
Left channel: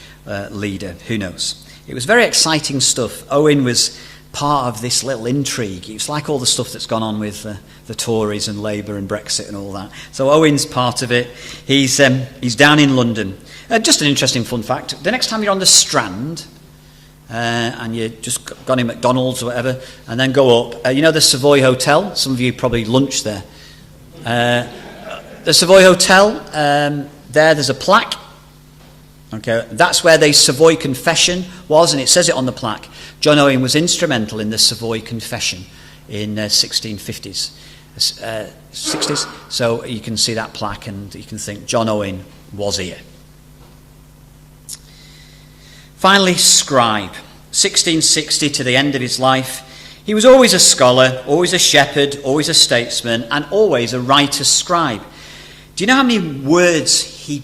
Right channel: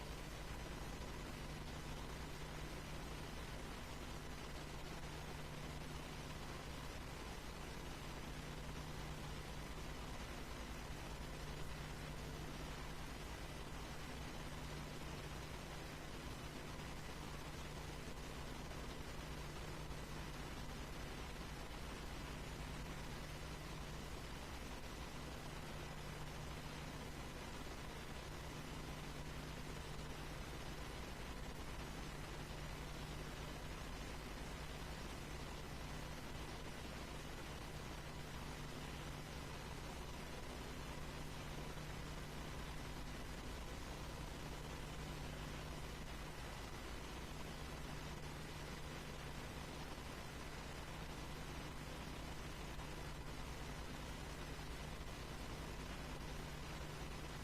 leader. Who knows? It was very exciting stuff. Owen was part of this little intrigue. It was like all the stuff that's gone on with the Tories and Labour and Brexit and all that. So Owen's part of it. He's down in London. Just an interesting fun fact. The next time you're on the Strand and you just gone in McDonald's or whatever and then go up, you know the Savoy Hotel? Some of you probably lunch there. The Savoy Hotel, there's a plaque. Okay, that's where the Savoy Confession was, and it says it on the plaque. John Owen was instrumental in the Savoy Confession in 1650s, 60s. So you can see that plaque and you can think John Owen was here. Finally, Scribe, 1660 to the end of his life. He was always a scholar, always a shepherd, always a statesman, and always a writer scribe. Do you know how many words he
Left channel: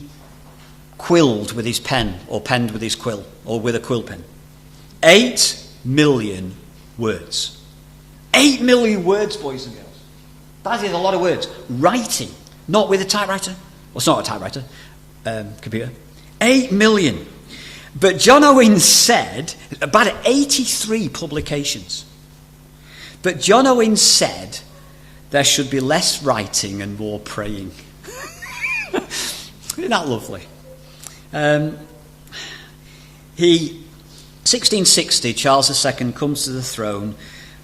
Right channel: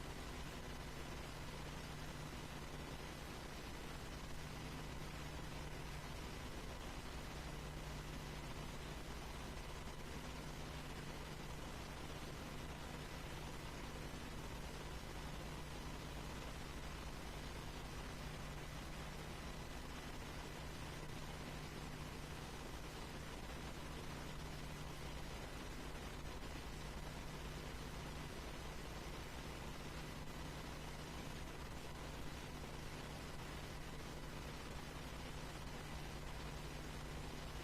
quilled with his pen, or penned with his quill, or with a quill pen? 8 million words. 8 million words, boys and girls. That is a lot of words. Writing, not with a typewriter. Well, it's not a typewriter, computer. 8 million. But John Owen said, about 83 publications. But John Owen said there should be less writing and more praying. Isn't that lovely? 1660, Charles II comes to the throne.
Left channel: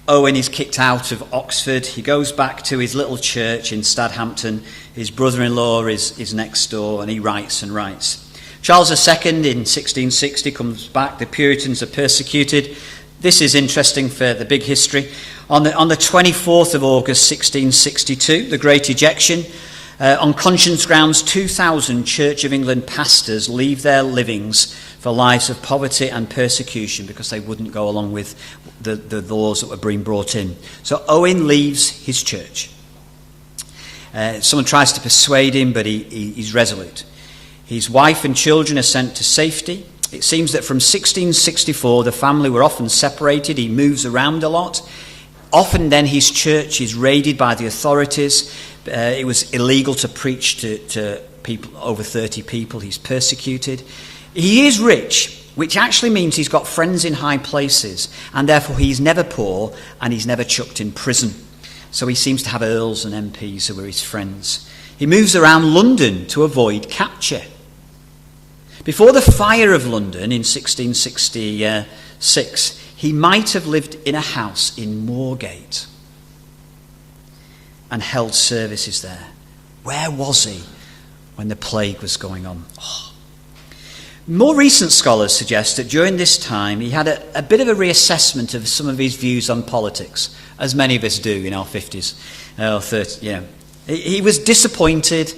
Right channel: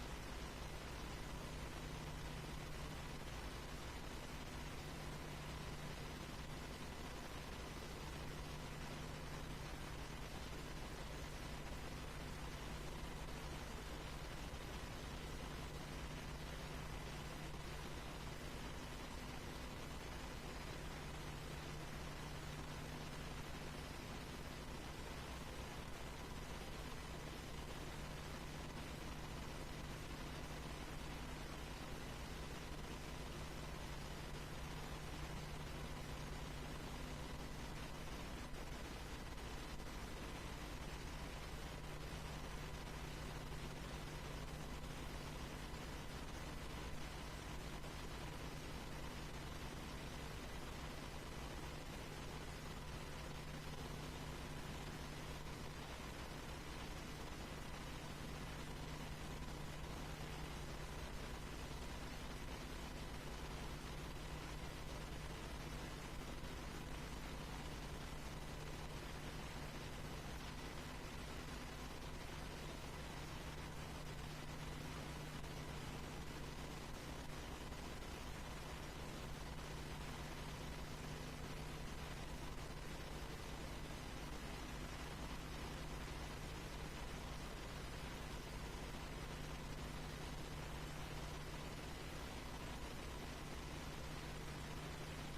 Owen is kicked out of Oxford. He goes back to his little church in Stadhampton. His brother-in-law is next door, and he writes and writes. Charles II in 1660 comes back. The Puritans are persecuted. This is interesting for the big history. On the 24th of August 1662, the Great Ejection. On conscience grounds, 2,000 Church of England pastors leave their livings for lives of poverty and persecution because they wouldn't go along with the laws that were being brought in. So Owen leaves his church. Someone tries to persuade him, but he's resolute. His wife and children are sent to safety. It seems that from 1664 the family were often separated. He moves around a lot. Often then his church is raided by the authorities. It was illegal to preach to people, over 30 people. He's persecuted. He is rich, which actually means he's got friends in high places, and therefore he's never poor and he's never chucked in prison. So he seems to have earls and MPs who are his friends. He moves around London to avoid capture. Before the fire of London in 1666, he might have lived in a house in Moorgate and held services there. Where was he when the plague was going on? Oh. More recent scholars suggest that during this time he had a bit of a reassessment of some of his views on politics, as many of us do in our 50s or 30s. You know. He was disappointed.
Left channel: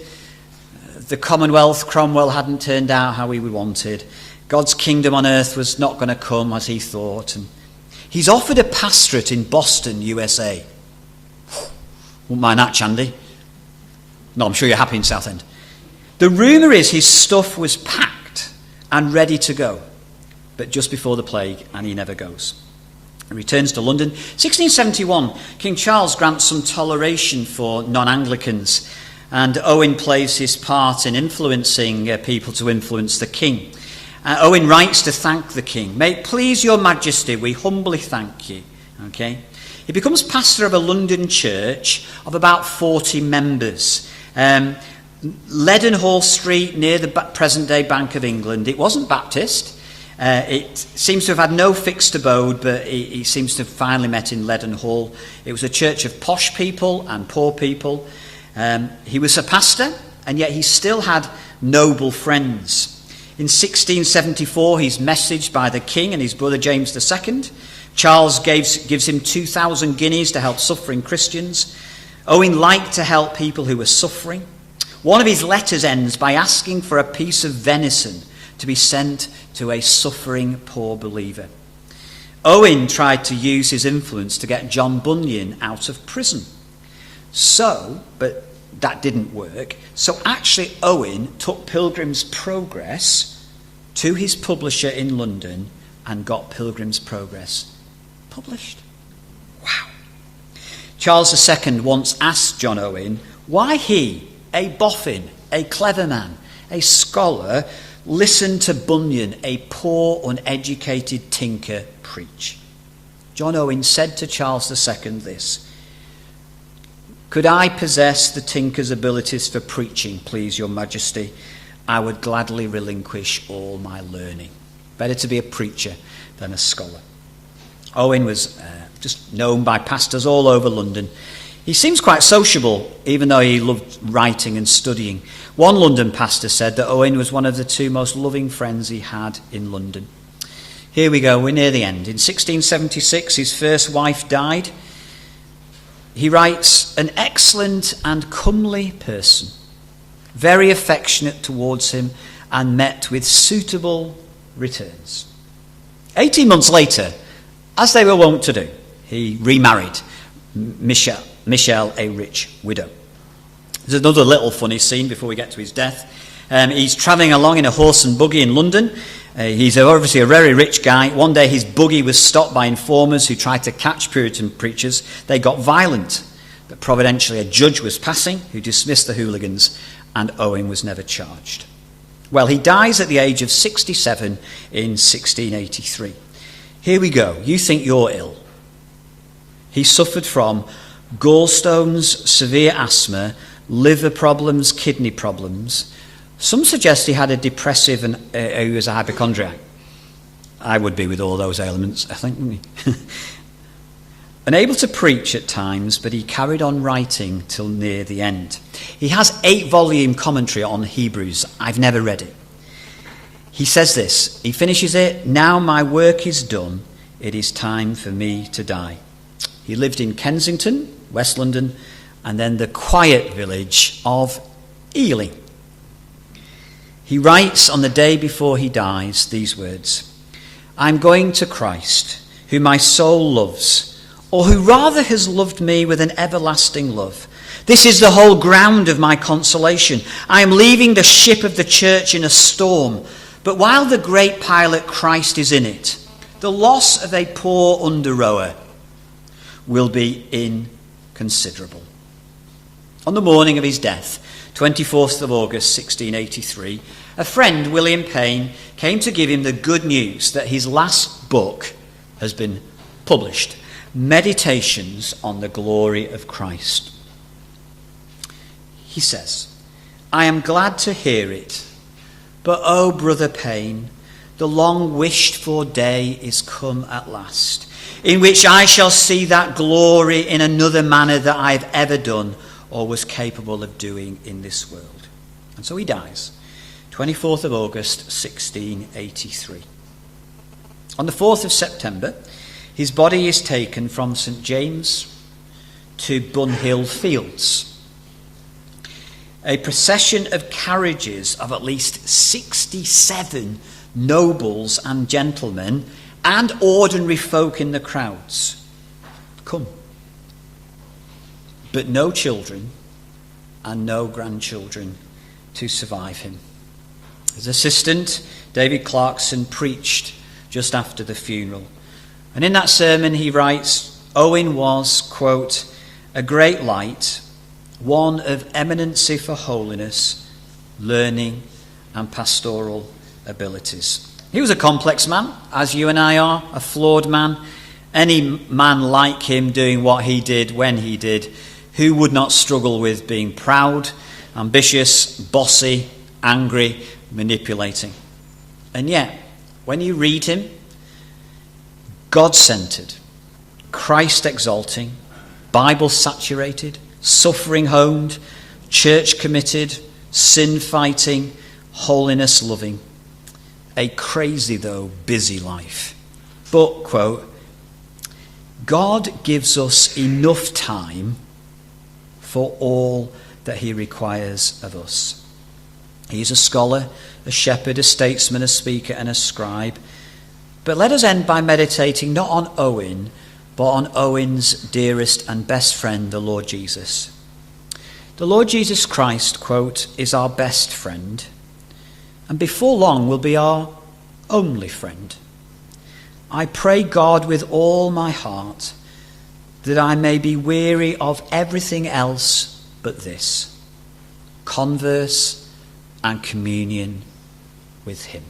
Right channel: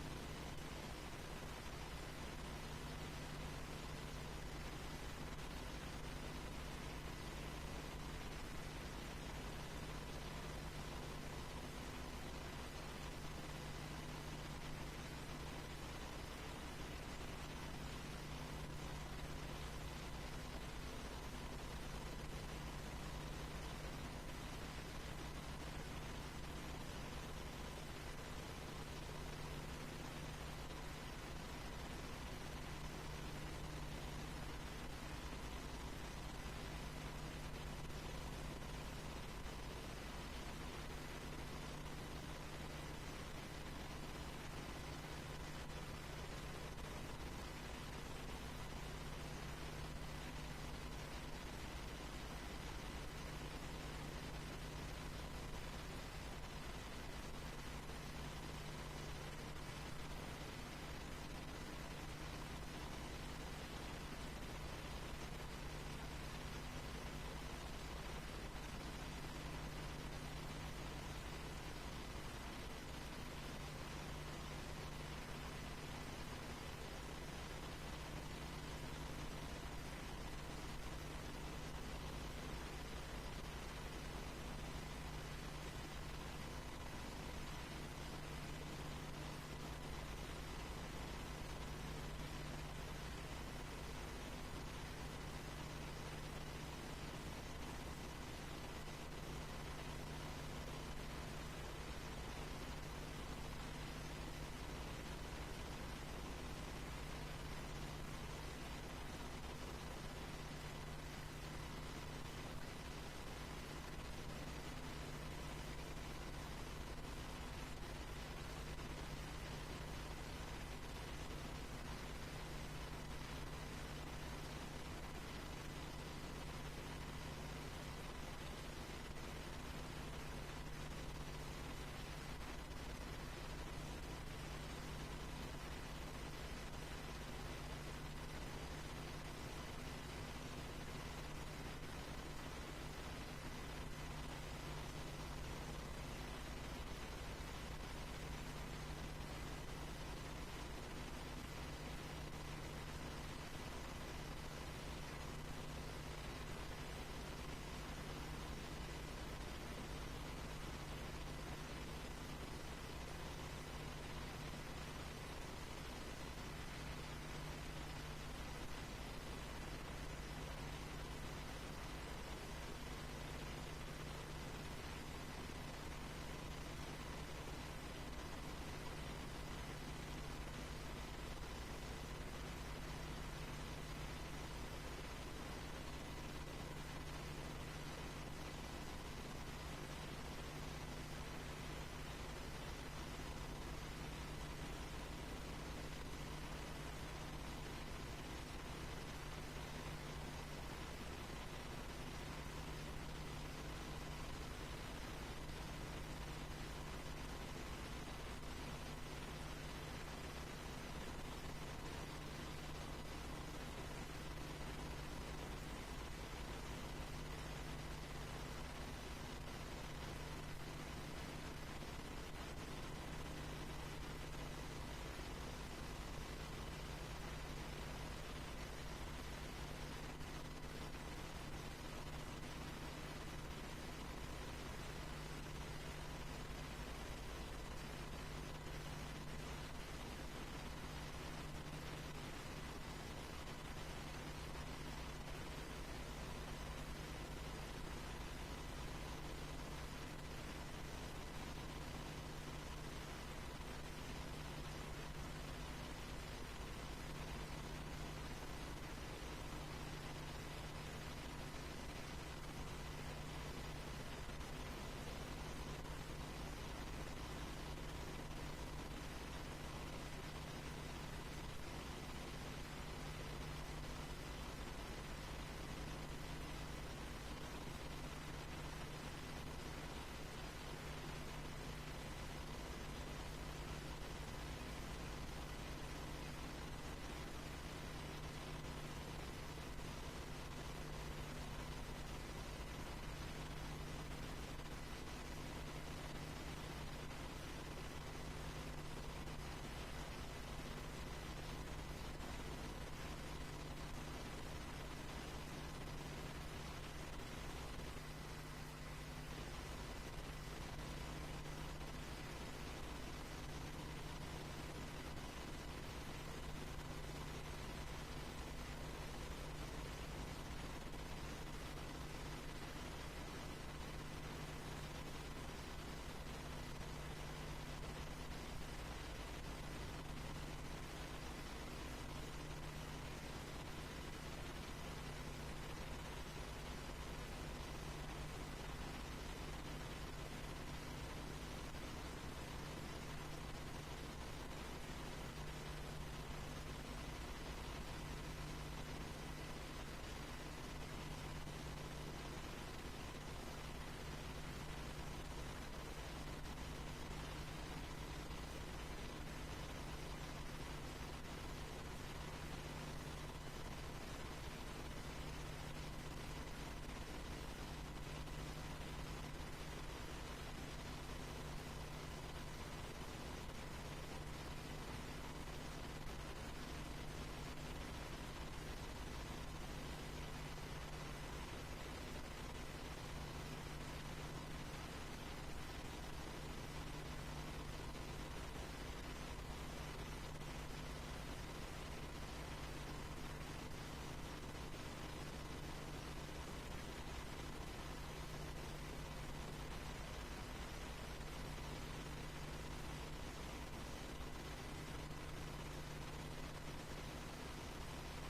The Commonwealth, Cromwell, hadn't turned out how he wanted. God's kingdom on earth was not going to come as he thought. And he's offered a pastorate in Boston, USA. Wouldn't mind that, Chandy. No, I'm sure you're happy in Southend. The rumour is his stuff was packed and ready to go, but just before the plague, and he never goes. He returns to London. 1671, King Charles grants some toleration for non-Anglicans, and Owen plays his part in influencing people to influence the king. Owen writes to thank the king. May it please your majesty, we humbly thank you. Okay? He becomes pastor of a London church of about 40 members. Leadenhall Street, near the present-day Bank of England. It wasn't Baptist. It seems to have had no fixed abode, but he seems to have finally met in Leadenhall. It was a church of posh people and poor people. He was a pastor, and yet he still had noble friends. In 1674, he's messaged by the king and his brother James II. Charles gives him 2,000 guineas to help suffering Christians. Owen liked to help people who were suffering. One of his letters ends by asking for a piece of venison to be sent to a suffering poor believer. Owen tried to use his influence to get John Bunyan out of prison. But that didn't work. So actually Owen took Pilgrim's Progress to his publisher in London and got Pilgrim's Progress published. Wow. Charles II once asked John Owen why he, a boffin, a clever man, a scholar, listened to Bunyan, a poor, uneducated tinker, preach. John Owen said to Charles II this: "Could I possess the tinker's abilities for preaching, please your majesty, I would gladly relinquish all my learning." Better to be a preacher than a scholar. Owen was just known by pastors all over London. He seems quite sociable, even though he loved writing and studying. One London pastor said that Owen was one of the two most loving friends he had in London. Here we go, we're near the end. In 1676, his first wife died. He writes, "An excellent and comely person, very affectionate towards him, and met with suitable returns." 18 months later, as they were wont to do, he remarried Michelle, a rich widow. There's another little funny scene before we get to his death. He's travelling along in a horse and buggy in London. He's obviously a very rich guy. One day his buggy was stopped by informers who tried to catch Puritan preachers. They got violent, but providentially a judge was passing who dismissed the hooligans, and Owen was never charged. Well, he dies at the age of 67 in 1683. Here we go. You think you're ill. He suffered from gallstones, severe asthma, liver problems, kidney problems. Some suggest he had a depressive and he was a hypochondriac. I would be with all those ailments, I think. Unable to preach at times, but he carried on writing till near the end. He has 8-volume commentary on Hebrews. I've never read it. He says this, he finishes it, "Now my work is done, it is time for me to die." He lived in Kensington, West London, and then the quiet village of Ely. He writes on the day before he dies these words: "I'm going to Christ, who my soul loves, or who rather has loved me with an everlasting love. This is the whole ground of my consolation. I am leaving the ship of the church in a storm, but while the great pilot Christ is in it, the loss of a poor under-rower will be inconsiderable." On the morning of his death, 24th of August 1683, a friend, William Payne, came to give him the good news that his last book has been published, Meditations on the Glory of Christ. He says, "I am glad to hear it, But oh, brother Payne, the long wished for day is come at last, in which I shall see that glory in another manner that I have ever done or was capable of doing in this world. And so he dies, 24th of August, 1683. On the 4th of September, his body is taken from St. James to Bunhill Fields. A procession of carriages of at least 67 nobles and gentlemen and ordinary folk in the crowds come. But no children and no grandchildren to survive him. His assistant, David Clarkson, preached just after the funeral. And in that sermon he writes, Owen was, quote, a great light, one of eminency for holiness, learning and pastoral abilities. He was a complex man, as you and I are, a flawed man. Any man like him doing what he did when he did, who would not struggle with being proud, ambitious, bossy, angry, manipulating? And yet, when you read him, God-centered, Christ-exalting, Bible-saturated, suffering-homed, church-committed, sin-fighting, holiness-loving. A crazy, though, busy life. But, quote, God gives us enough time for all that he requires of us. He's a scholar, a shepherd, a statesman, a speaker, and a scribe. But let us end by meditating not on Owen, but on Owen's dearest and best friend, the Lord Jesus. The Lord Jesus Christ, quote, is our best friend, and before long will be our only friend. I pray God with all my heart that I may be weary of everything else but this, converse and communion with him.